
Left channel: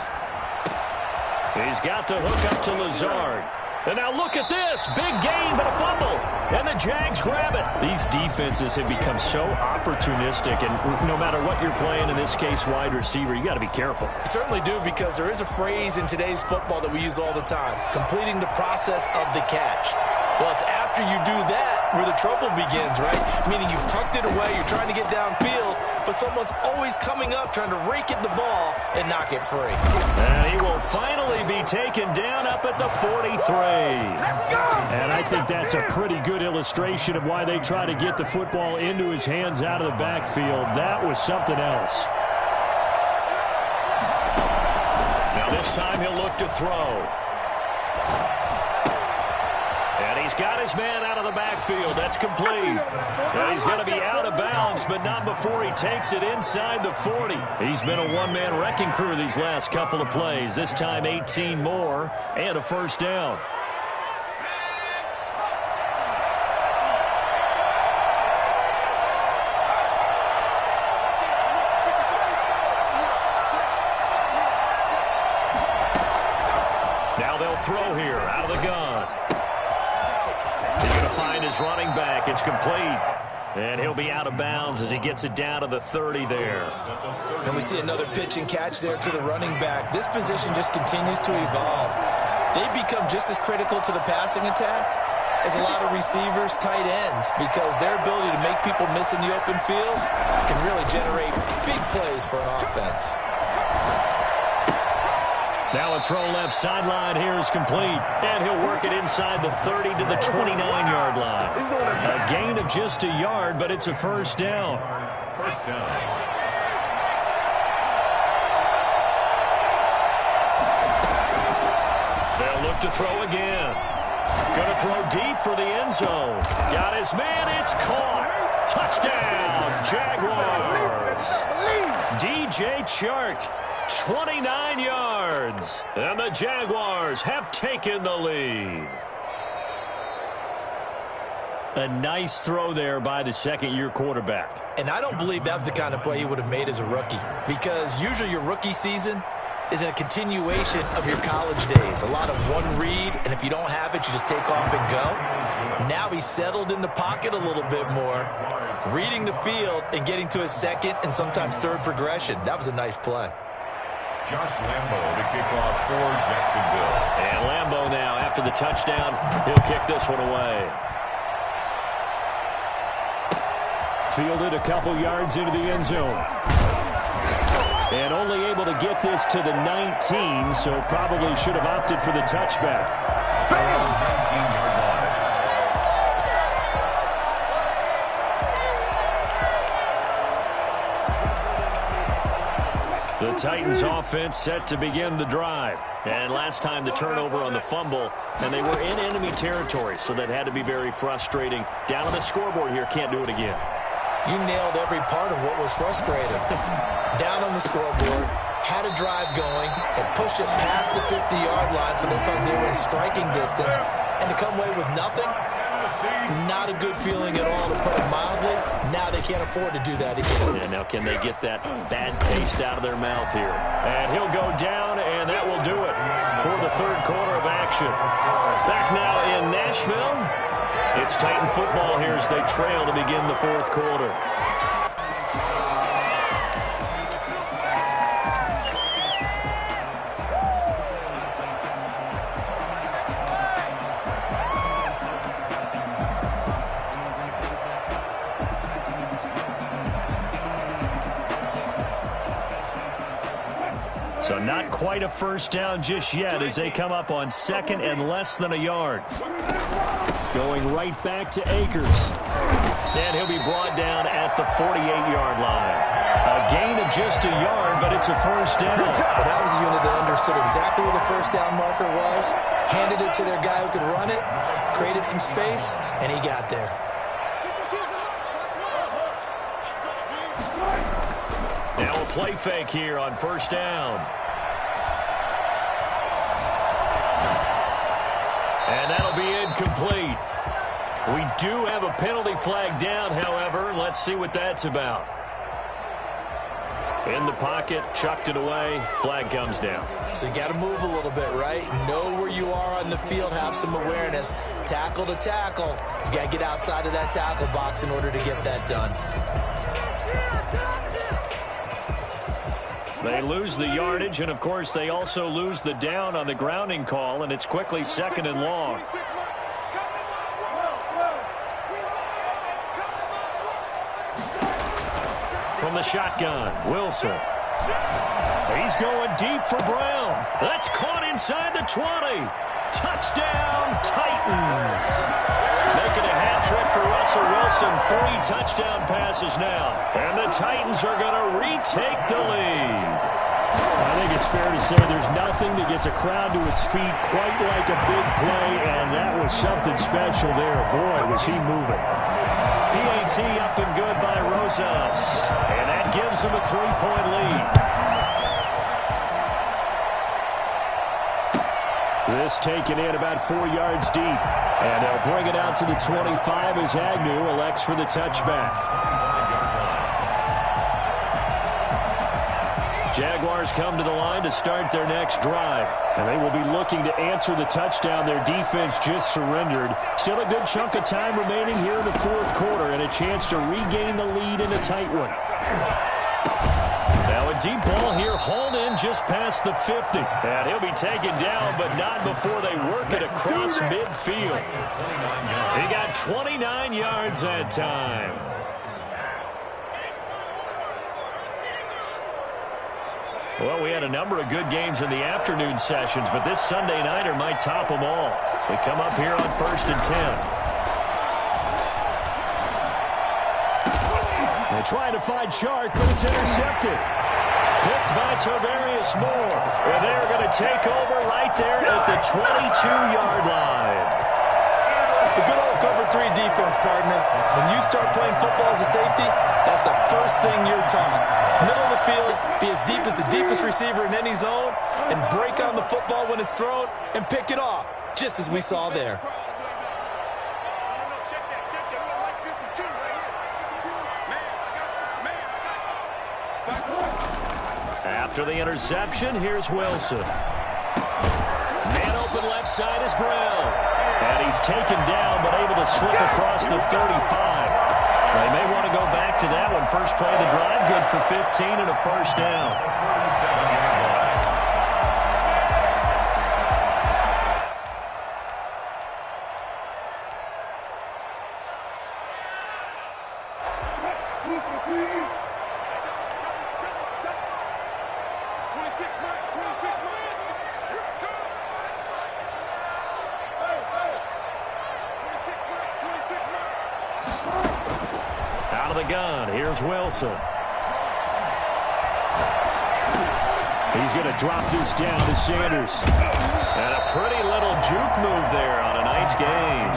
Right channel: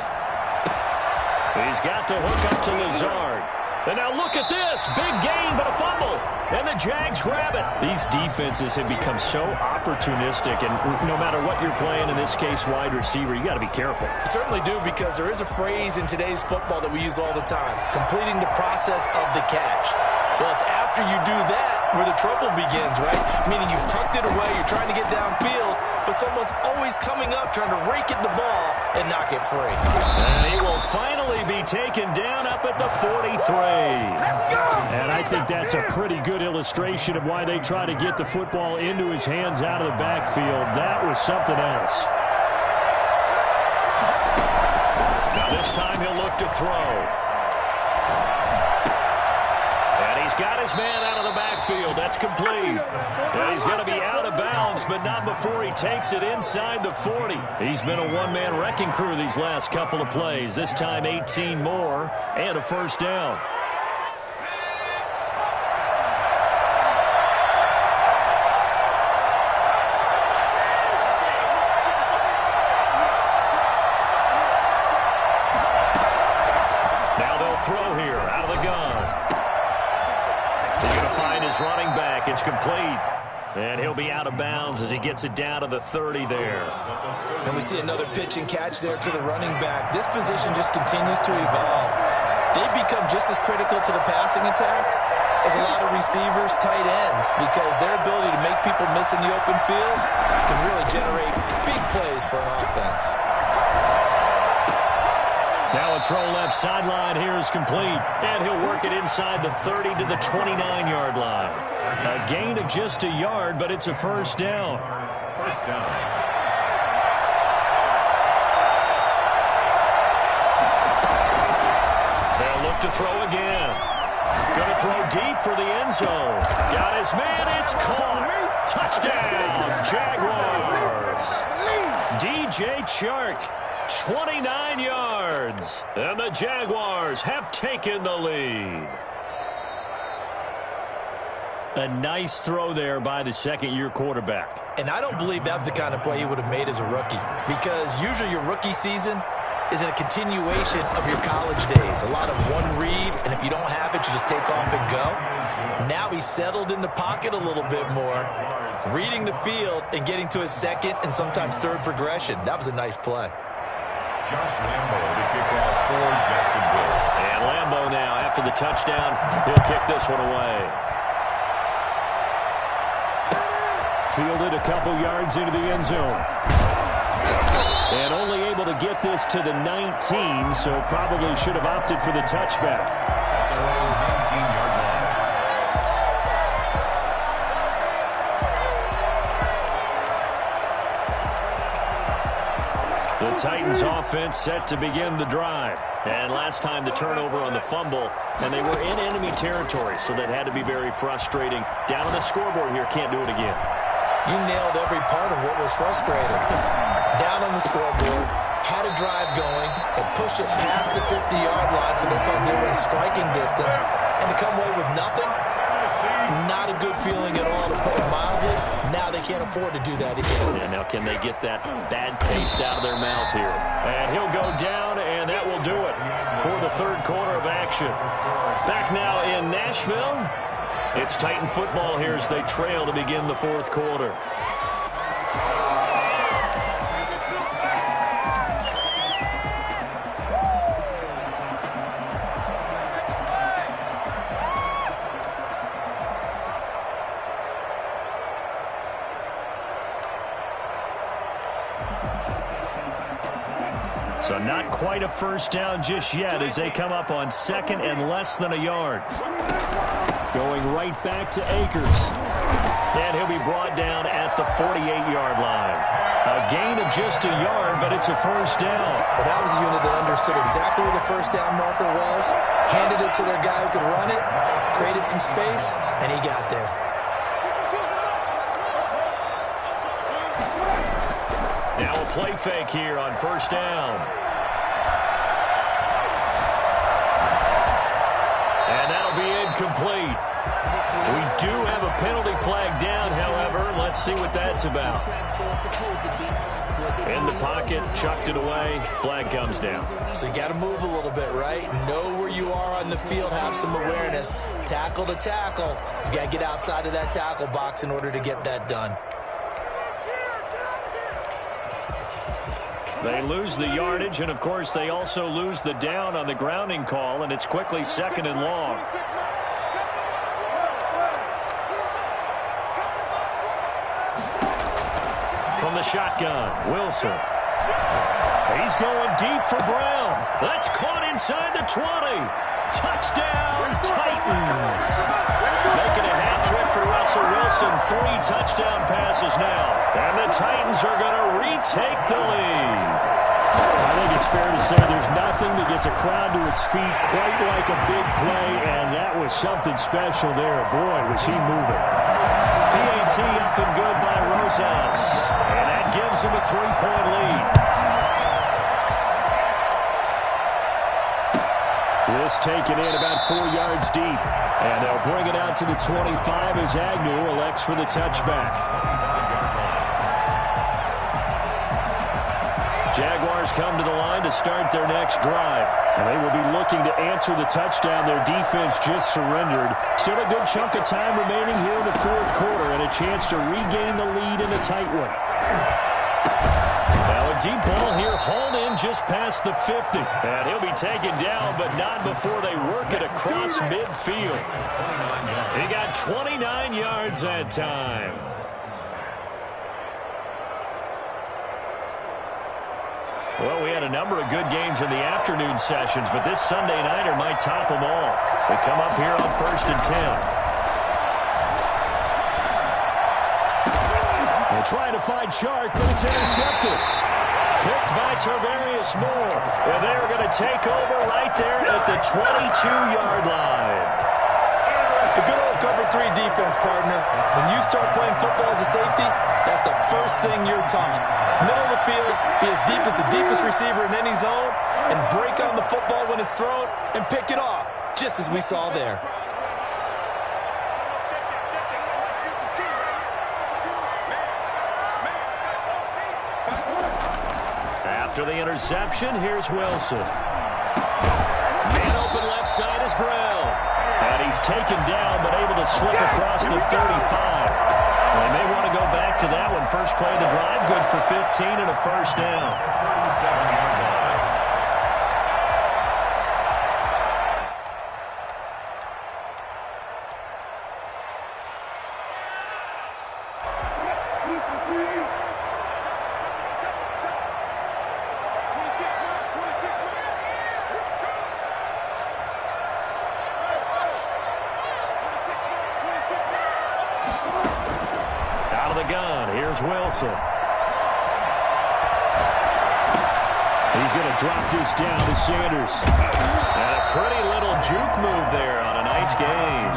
He's got the hook up to Lazard. And now look at this. Big gain, but a fumble. And the Jags grab it. These defenses have become so opportunistic, and no matter what you're playing, in this case, wide receiver, you got to be careful. Certainly do, because there is a phrase in today's football that we use all the time, completing the process of the catch. Well, it's after you do that where the trouble begins, right? Meaning you've tucked it away, you're trying to get downfield, but someone's always coming up trying to rake at the ball and knock it free. And he will finally be taken down up at the 43. And I think that's a pretty good illustration of why they try to get the football into his hands out of the backfield. That was something else. Now this time he'll look to throw. And he's got his man out of the backfield. That's complete. And he's going to be out of bounds, but not before he takes it inside the 40. He's been a one-man wrecking crew these last couple of plays. This time 18 more and a first down. Now they'll throw here out of the gun. He's going to find his running back. It's complete. And he'll be out of bounds as he gets it down to the 30 there. And we see another pitch and catch there to the running back. This position just continues to evolve. They become just as critical to the passing attack as a lot of receivers, tight ends, because their ability to make people miss in the open field can really generate big plays for an offense. Now a throw left sideline here is complete. And he'll work it inside the 30 to the 29-yard line. A gain of just a yard, but it's a first down. First down. They'll look to throw again. Going to throw deep for the end zone. Got his man. It's caught. Touchdown, Jaguars. DJ Chark. 29 yards, and the Jaguars have taken the lead. A nice throw there by the second-year quarterback. And I don't believe that was the kind of play he would have made as a rookie, because usually your rookie season is in a continuation of your college days. A lot of one read, and if you don't have it, you just take off and go. Now he's settled in the pocket a little bit more, reading the field and getting to his second and sometimes third progression. That was a nice play. Josh Lambo to kick off for Jacksonville. And Lambo now, after the touchdown, he'll kick this one away. Fielded a couple yards into the end zone. And only able to get this to the 19, so probably should have opted for the touchback. 19-yard line. The Titans offense set to begin the drive. And last time the turnover on the fumble, and they were in enemy territory, so that had to be very frustrating. Down on the scoreboard here, can't do it again. You nailed every part of what was frustrating. Down on the scoreboard, had a drive going, and pushed it past the 50-yard line so they felt they were in striking distance, and to come away with nothing, not a good feeling at all, to put it mildly. Now they can't afford to do that again. Yeah, now can they get that bad taste out of their mouth here? And he'll go down, and that will do it for the third quarter of action. Back now in Nashville, it's Titan football here as they trail to begin the fourth quarter. So not quite a first down just yet as they come up on second and less than a yard. Going right back to Akers. And he'll be brought down at the 48-yard line. A gain of just a yard, but it's a first down. Well, that was a unit that understood exactly where the first down marker was, handed it to their guy who could run it, created some space, and he got there. Now a play fake here on first down. And that'll be incomplete. We do have a penalty flag down, however. Let's see what that's about. In the pocket, chucked it away, flag comes down. So you got to move a little bit, right? Know where you are on the field, have some awareness. Tackle to tackle. You got to get outside of that tackle box in order to get that done. They lose the yardage, and of course they also lose the down on the grounding call, and it's quickly second and long. From the shotgun, Wilson. He's going deep for Brown. That's caught inside the 20. Touchdown, Titans. Making a hat trick for Russell Wilson. 3 touchdown passes now. And the Titans are going to retake the lead. I think it's fair to say there's nothing that gets a crowd to its feet quite like a big play, and that was something special there. Boy, was he moving. PAT up and good by Rosas. And that gives him a 3-point lead. This taken in about 4 yards deep. And they'll bring it out to the 25 as Agnew elects for the touchback. Jaguars come to the line to start their next drive. And they will be looking to answer the touchdown their defense just surrendered. Still a good chunk of time remaining here in the fourth quarter and a chance to regain the lead in a tight one. Now a deep ball here hauled in just past the 50. And he'll be taken down, but not before they work it across midfield. He got 29 yards that time. Well, we had a number of good games in the afternoon sessions, but this Sunday nighter might top them all. So we come up here on 1st and 10. They're trying to find Shark, but it's intercepted. Picked by Tarvarius Moore. And they're going to take over right there at the 22-yard line. The good old cover 3 defense, partner. When you start playing football as a safety, that's the first thing you're taught. Middle of the field, be as deep as the deepest receiver in any zone, and break on the football when it's thrown and pick it off, just as we saw there. After the interception, here's Wilson. Man open left side is Brown. And he's taken down, but able to slip across the 35. They may want to go back to that one. First play of the drive, good for 15 and a first down. 37-yard line. Out of the gun, here's Wilson. He's going to drop this down to Sanders. And a pretty little juke move there on a nice gain.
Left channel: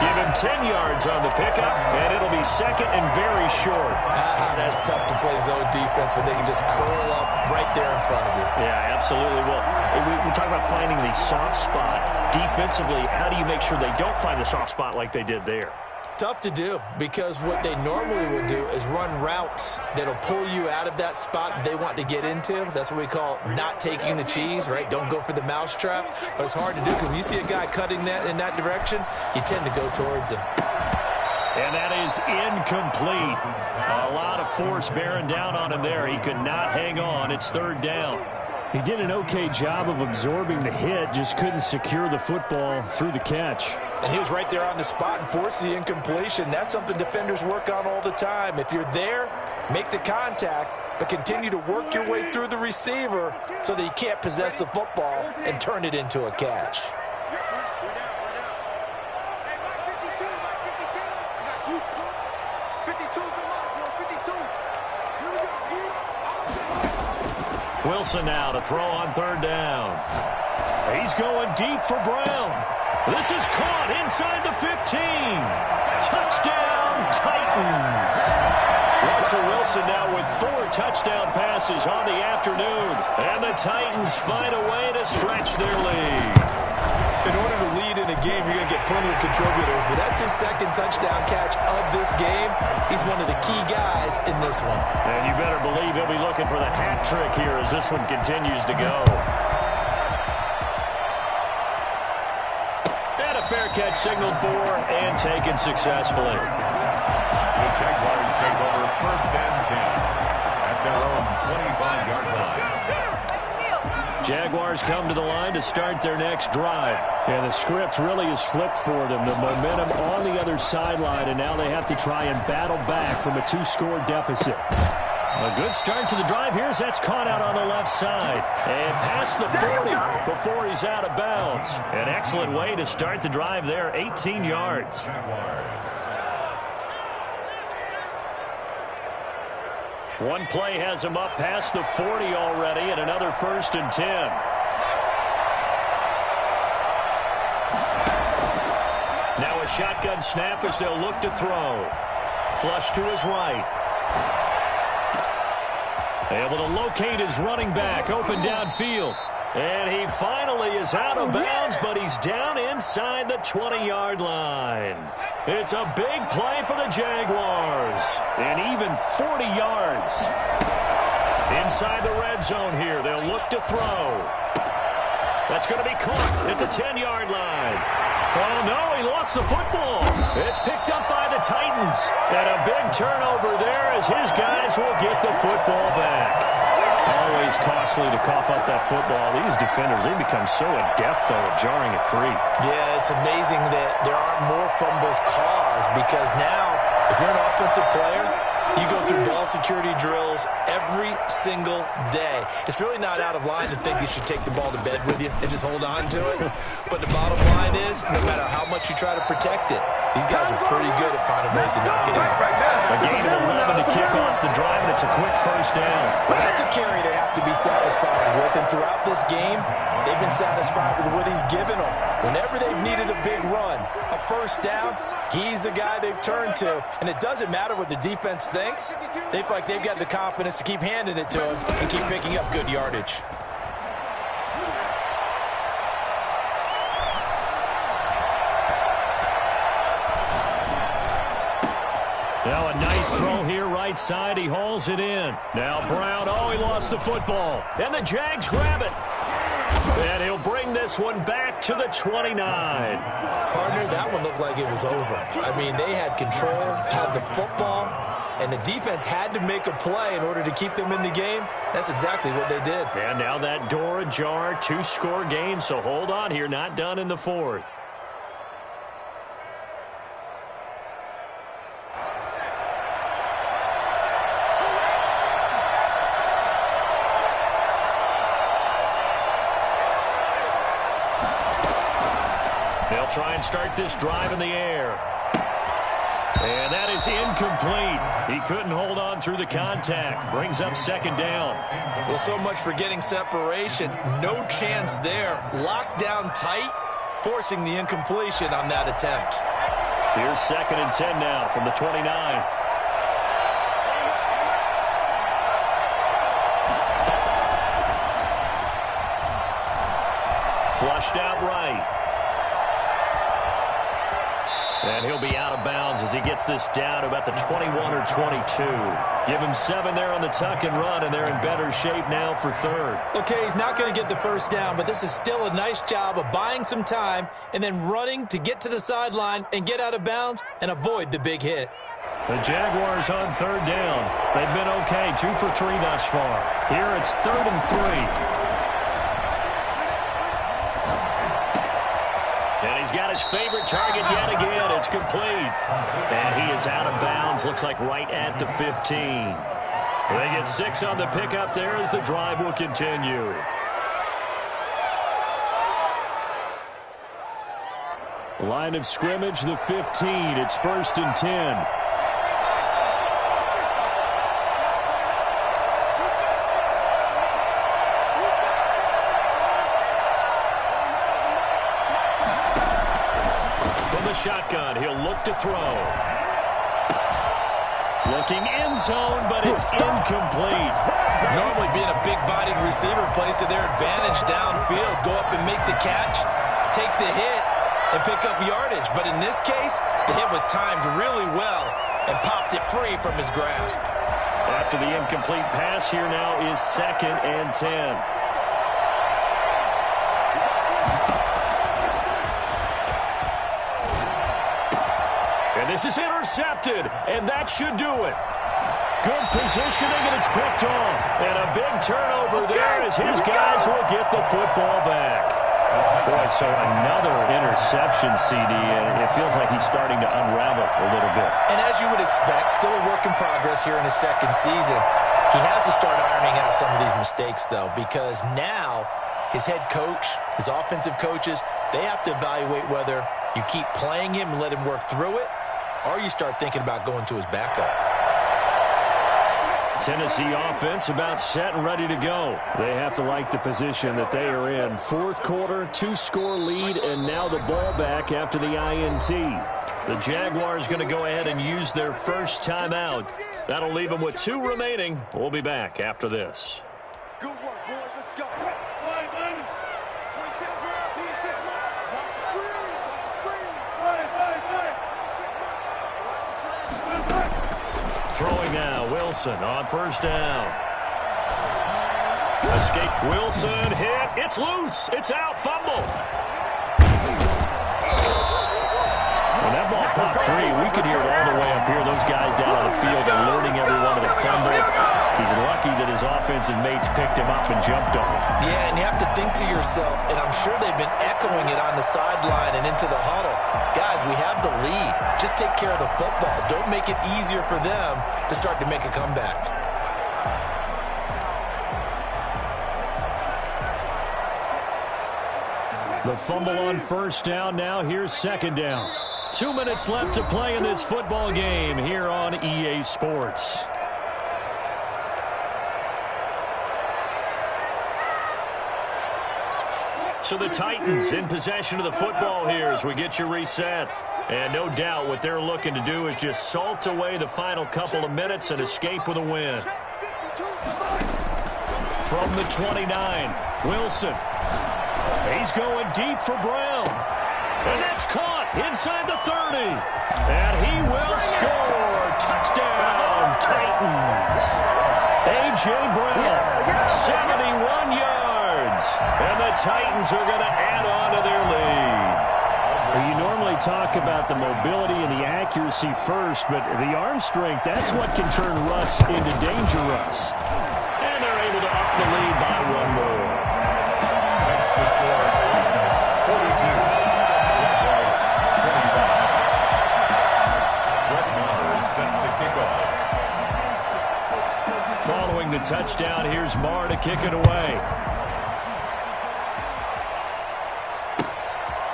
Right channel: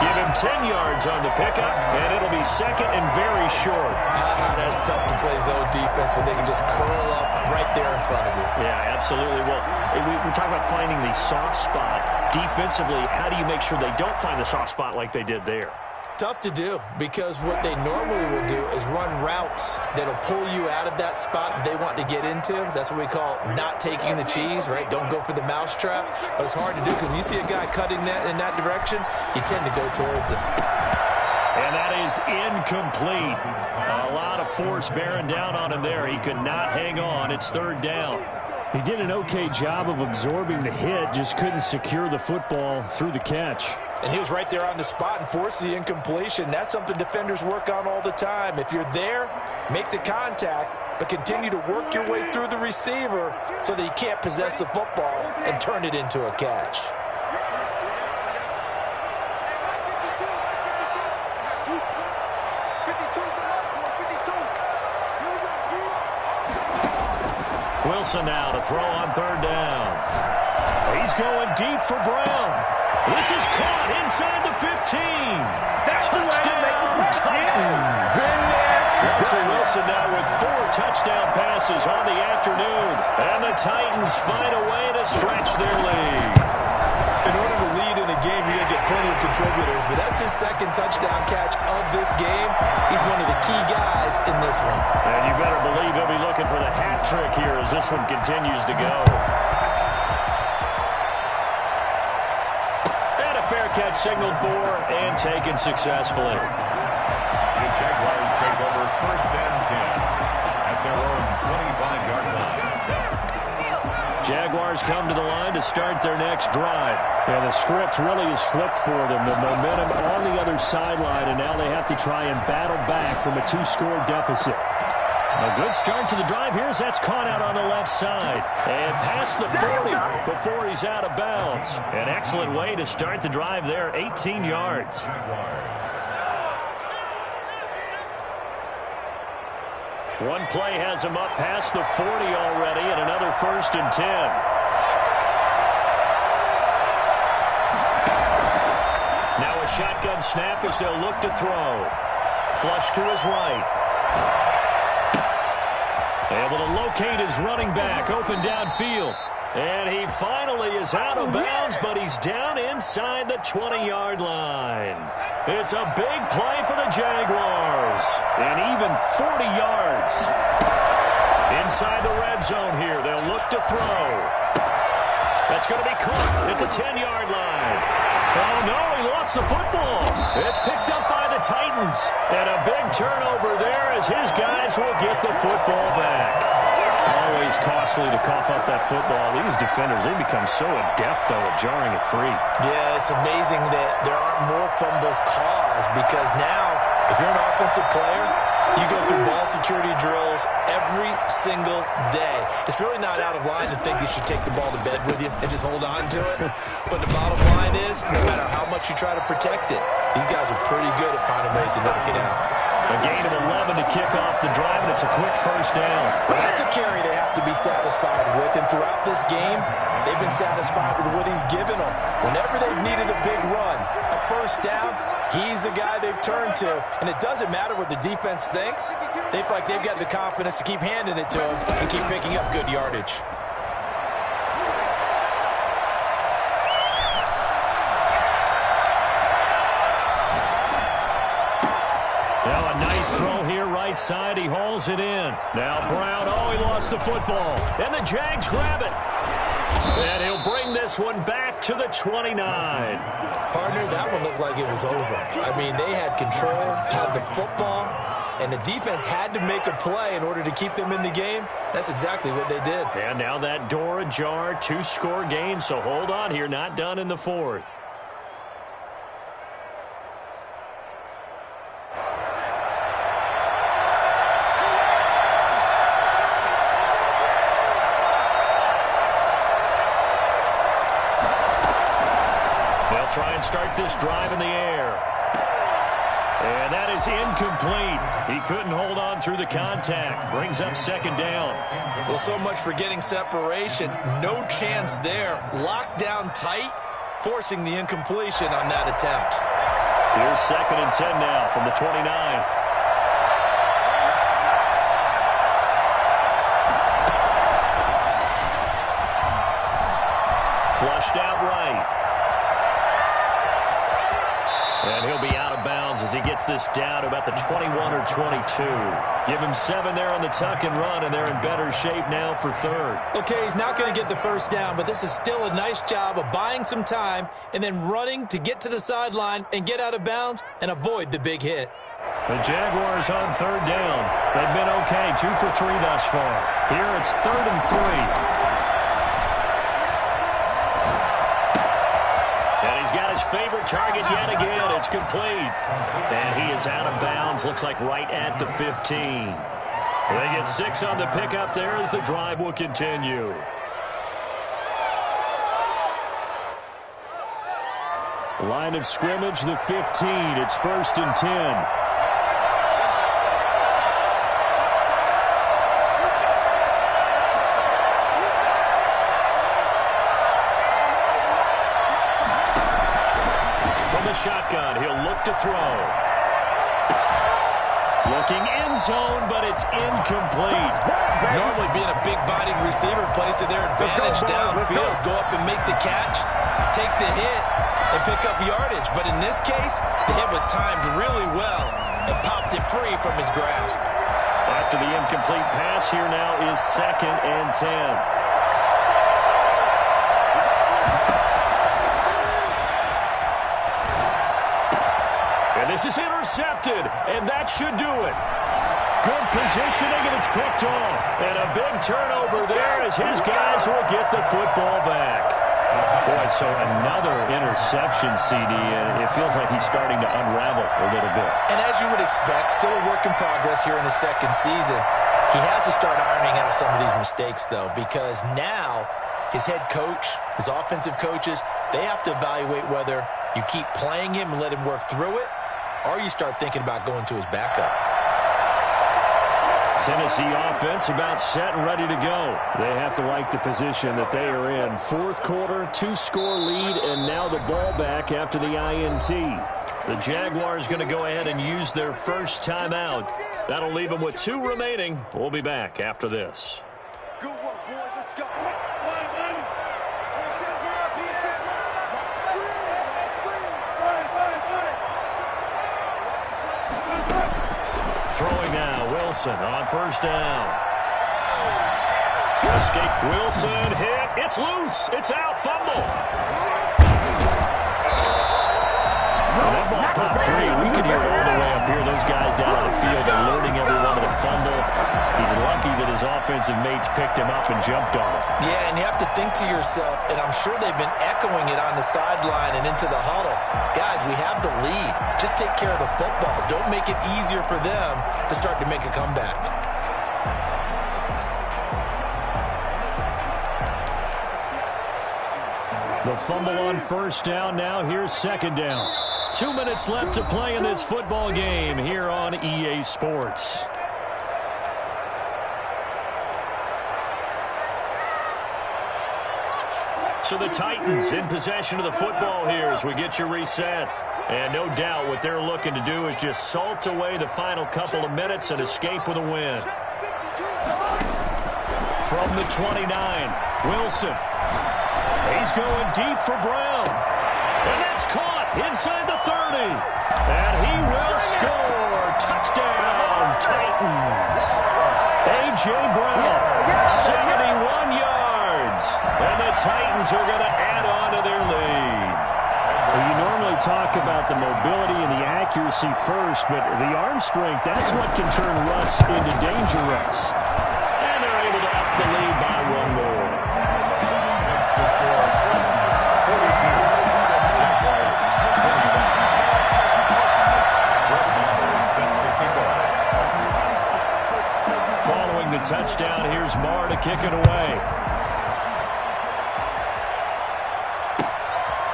Give him 10 yards on the pickup, and it'll be second and very short. That's tough to play zone defense when they can just curl up right there in front of you. Yeah, absolutely. Well, we're talking about finding the soft spot. Defensively, how do you make sure they don't find the soft spot like they did there? Tough to do, because what they normally will do is run routes that'll pull you out of that spot that they want to get into. That's what we call not taking the cheese, right? Don't go for the mousetrap. But it's hard to do because when you see a guy cutting that in that direction, you tend to go towards him. And that is incomplete. A lot of force bearing down on him there. He could not hang on. It's third down. He did an okay job of absorbing the hit, just couldn't secure the football through the catch. And he was right there on the spot and forced the incompletion. That's something defenders work on all the time. If you're there, make the contact, but continue to work your way through the receiver so that you can't possess the football and turn it into a catch. Wilson now to throw on third down. He's going deep for Brown. This is caught inside the 15. Touchdown, Titans. Russell Wilson now with 4 touchdown passes on the afternoon. And the Titans find a way to stretch their lead. In order to lead in a game, you're going to get plenty of contributors, but that's his second touchdown catch of this game. He's one of the key guys in this one. And you better believe he'll be looking for the hat trick here as this one continues to go. And a fair catch signaled for and taken successfully. The Jaguars take over first and 10 at their own 25-yard line. Jaguars come to the line to start their next drive. Yeah, the script really is flipped for them. The momentum on the other sideline, and now they have to try and battle back from a 2-score deficit. A good start to the drive here as that's caught out on the left side. And past the 40 before he's out of bounds. An excellent way to start the drive there, 18 yards. One play has him up past the 40 already, and another first and 10. Now a shotgun snap as they'll look to throw. Flush to his right. Able to locate his running back open downfield. And he finally is out of bounds, but he's down inside the 20-yard line. It's a big play for the Jaguars. And even 40 yards. Inside the red zone here, they'll look to throw. That's going to be caught at the 10-yard line. Oh, no, he lost the football. It's picked up by the Titans. And a big turnover there as his guys will get the football back. Always costly to cough up that football. These defenders, they become so adept, though, at jarring it free. Yeah, it's amazing that there aren't more fumbles caused because now, if you're an offensive player, you go through ball security drills every single day. It's really not out of line to think you should take the ball to bed with you and just hold on to it. But the bottom line is, no matter how much you try to protect it, these guys are pretty good at finding ways to knock it out. A gain of 11 to kick off the drive, and it's a quick first down. Well, that's a carry they have to be satisfied with, and throughout this game, they've been satisfied with what he's given them. Whenever they've needed a big run, a first down, he's the guy they've turned to. And it doesn't matter what the defense thinks. They feel like they've got the confidence to keep handing it to him and keep picking up good yardage. Now a nice throw here right side. He hauls it in. Now Brown, oh, he lost the football. And the Jags grab it. And he'll bring this one back to the 29. Partner, that one looked like it was over. I mean, they had control, had the football, and the defense had to make a play in order to keep them in the game. That's exactly what they did. And now that door ajar, 2-score game, so hold on here, not done in the fourth. They'll try and start this drive in the air. And that is incomplete. He couldn't hold on through the contact. Brings up second down. Well, so much for getting separation. No chance there. Locked down tight, forcing the incompletion on that attempt. Here's second and 10 now from the 29. Flushed out right. And he'll be out of bounds as he gets this down to about the 21 or 22. Give him 7 there on the tuck and run, and they're in better shape now for third. Okay, he's not going to get the first down, but this is still a nice job of buying some time and then running to get to the sideline and get out of bounds and avoid the big hit. The Jaguars on third down. They've been okay, 2 for 3 thus far. Here it's 3rd and 3. And he's got his favorite target yet again. It's complete. And he is out of bounds. Looks like right at the 15. They get 6 on the pickup there as the drive will continue. Line of scrimmage, the 15. It's 1st and 10. From the shotgun, he'll look to throw. Looking end zone, but it's incomplete. Normally being a big-bodied receiver plays to their advantage downfield. Go up and make the catch, take the hit, and pick up yardage. But in this case, the hit was timed really well and popped it free from his grasp. After the incomplete pass, here now is 2nd and 10. And this is intercepted, and that should do it. Good positioning, and it's picked off. And a big turnover there as his guys will get the football back. Boy, so another interception, CD, and it feels like he's starting to unravel a little bit. And as you would expect, still a work in progress here in his 2nd season. He has to start ironing out some of these mistakes, though, because now his head coach, his offensive coaches, they have to evaluate whether you keep playing him and let him work through it, or you start thinking about going to his backup. Tennessee offense about set and ready to go. They have to like the position that they are in. 4th quarter, 2-score lead, and now the ball back after the INT. The Jaguars going to go ahead and use their first timeout. That'll leave them with 2 remaining. We'll be back after this. Good work, boys. Let's go. Throwing now, Wilson on 1st down. Escape, Wilson, hit, it's loose, it's out, fumble. When that ball popped free, we could hear it all the way up here. Those guys down on the field alerting everyone to the fumble. He's lucky that his offensive mates picked him up and jumped on him. Yeah, and you have to think to yourself, and I'm sure they've been echoing it on the sideline and into the huddle. Guys, we have the lead. Just take care of the football. Don't make it easier for them to start to make a comeback. The fumble on 1st down. Now here's 2nd down. 2 minutes left to play in this football game here on EA Sports. So the Titans in possession of the football here as we get you reset. And no doubt what they're looking to do is just salt away the final couple of minutes and escape with a win. From the 29, Wilson. He's going deep for Brown. And that's caught inside the 30. And he will score. Touchdown, Titans. A.J. Brown, 71 yards. And the Titans are going to add on to their lead. Well, you normally talk about the mobility and the accuracy first, but the arm strength, that's what can turn Russ into Danger Russ. And they're able to up the lead by 1 more. Makes the score Titans 42. Jaguars 25. Brett Maher is set to kick off. Following the touchdown, here's Maher to kick it away.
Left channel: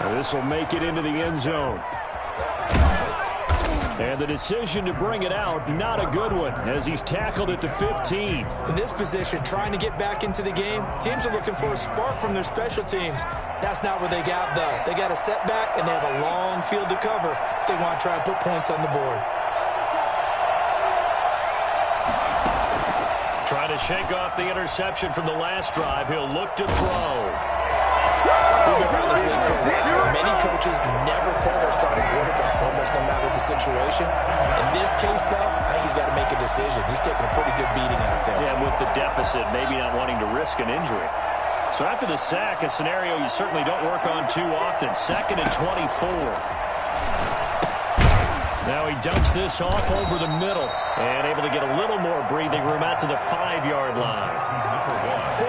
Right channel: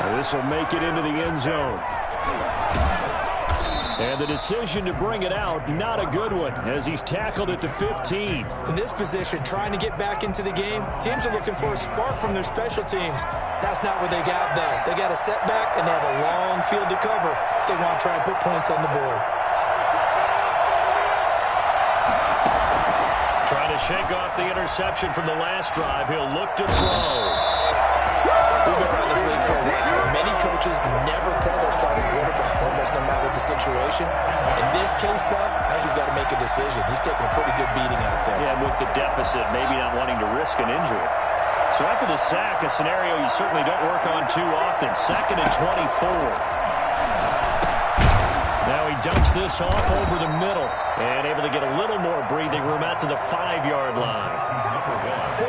Now this will make it into the end zone. And the decision to bring it out, not a good one, as he's tackled at the 15. In this position, trying to get back into the game, teams are looking for a spark from their special teams. That's not what they got, though. They got a setback, and they have a long field to cover if they want to try and put points on the board. Trying to shake off the interception from the last drive. He'll look to throw. We've been around this league for a while. Many coaches never pull their starting quarterback, almost no matter the situation. In this case, though, I think he's got to make a decision. He's taking a pretty good beating out there. Yeah, with the deficit, maybe not wanting to risk an injury. So after the sack, a scenario you certainly don't work on too often. 2nd and 24. Now he dumps this off over the middle and able to get a little more breathing room out to the 5-yard line.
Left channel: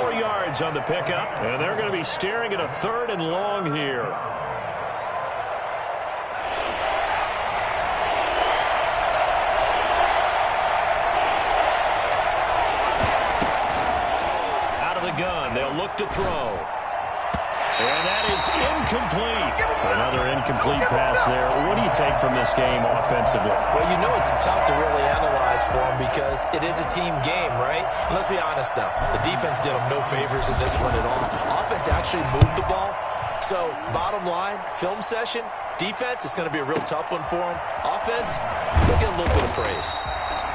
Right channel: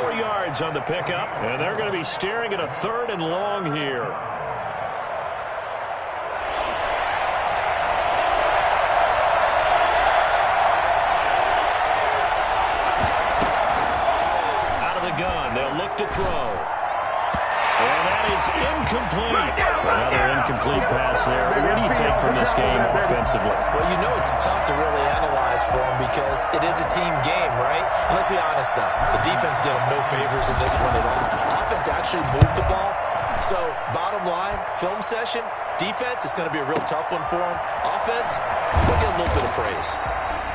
4 yards on the pickup, and they're going to be staring at a 3rd and long here. gun. They'll look to throw. And that is incomplete. Another incomplete pass there. What do you take from this game offensively? Well, you know it's tough to really analyze for them because it is a team game, right? And let's be honest, though. The defense did them no favors in this one at all. Offense actually moved the ball. So, bottom line, film session, defense is going to be a real tough one for them. Offense, they'll get a little bit of praise.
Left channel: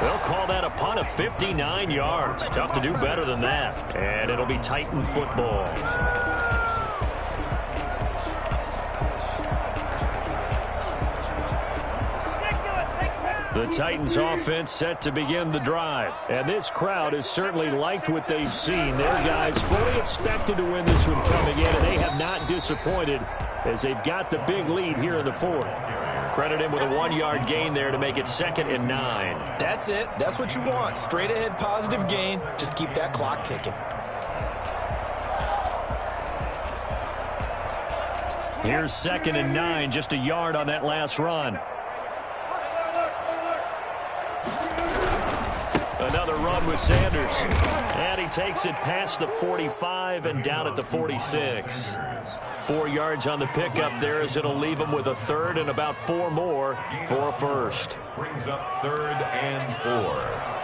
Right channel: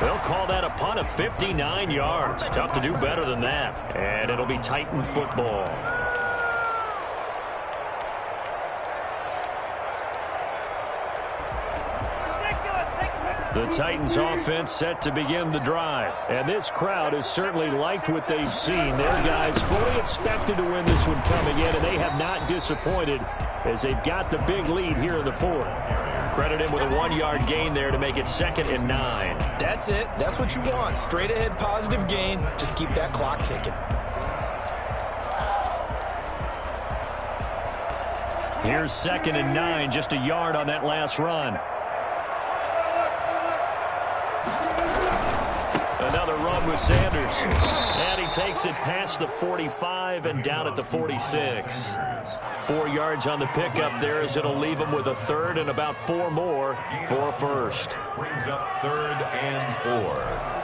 They'll call that a punt of 59 yards. Tough to do better than that. And it'll be Titan football. The Titans offense set to begin the drive. And this crowd has certainly liked what they've seen. Their guys fully expected to win this one coming in, and they have not disappointed as they've got the big lead here in the fourth. Credit him with a 1-yard gain there to make it 2nd and 9. That's it. That's what you want. Straight ahead positive gain. Just keep that clock ticking. Here's 2nd and 9, just a yard on that last run. Another run with Sanders. And he takes it past the 45 and down at the 46. 4 yards on the pickup there as it'll leave him with a third and about 4 more for a first. Brings up 3rd and 4.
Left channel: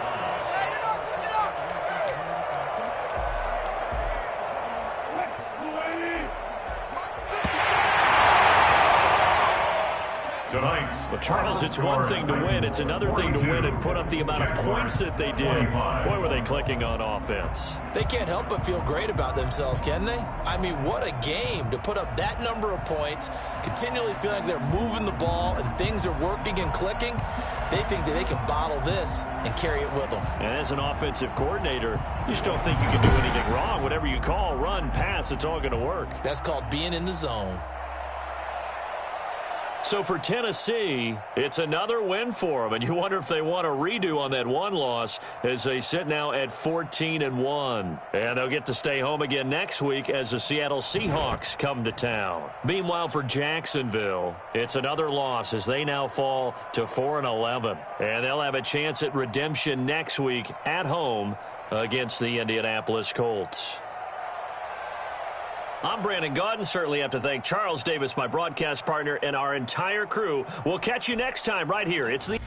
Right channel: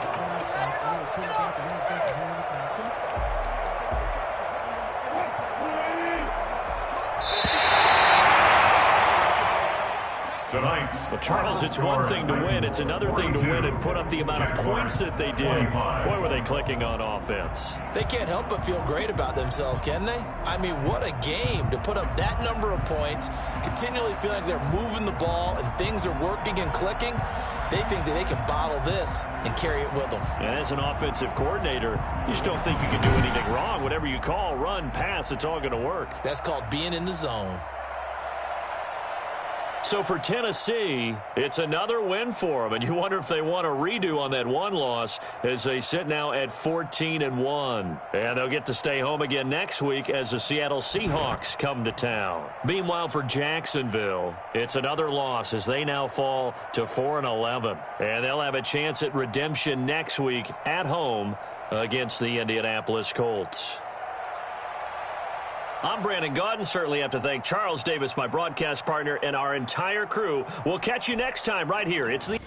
Well, Charles, it's one thing to win. It's another thing to win and put up the amount of points that they did. Boy, were they clicking on offense. They can't help but feel great about themselves, can they? I mean, what a game to put up that number of points, continually feeling like they're moving the ball and things are working and clicking. They think that they can bottle this and carry it with them. And as an offensive coordinator, you just don't think you can do anything wrong. Whatever you call, run, pass, it's all going to work. That's called being in the zone. So for Tennessee, it's another win for them, and you wonder if they want a redo on that one loss as they sit now at 14-1. And they'll get to stay home again next week as the Seattle Seahawks come to town. Meanwhile, for Jacksonville, it's another loss as they now fall to 4-11. And they'll have a chance at redemption next week at home against the Indianapolis Colts. I'm Brandon Gaudin. Certainly have to thank Charles Davis, my broadcast partner, and our entire crew. We'll catch you next time right here. It's the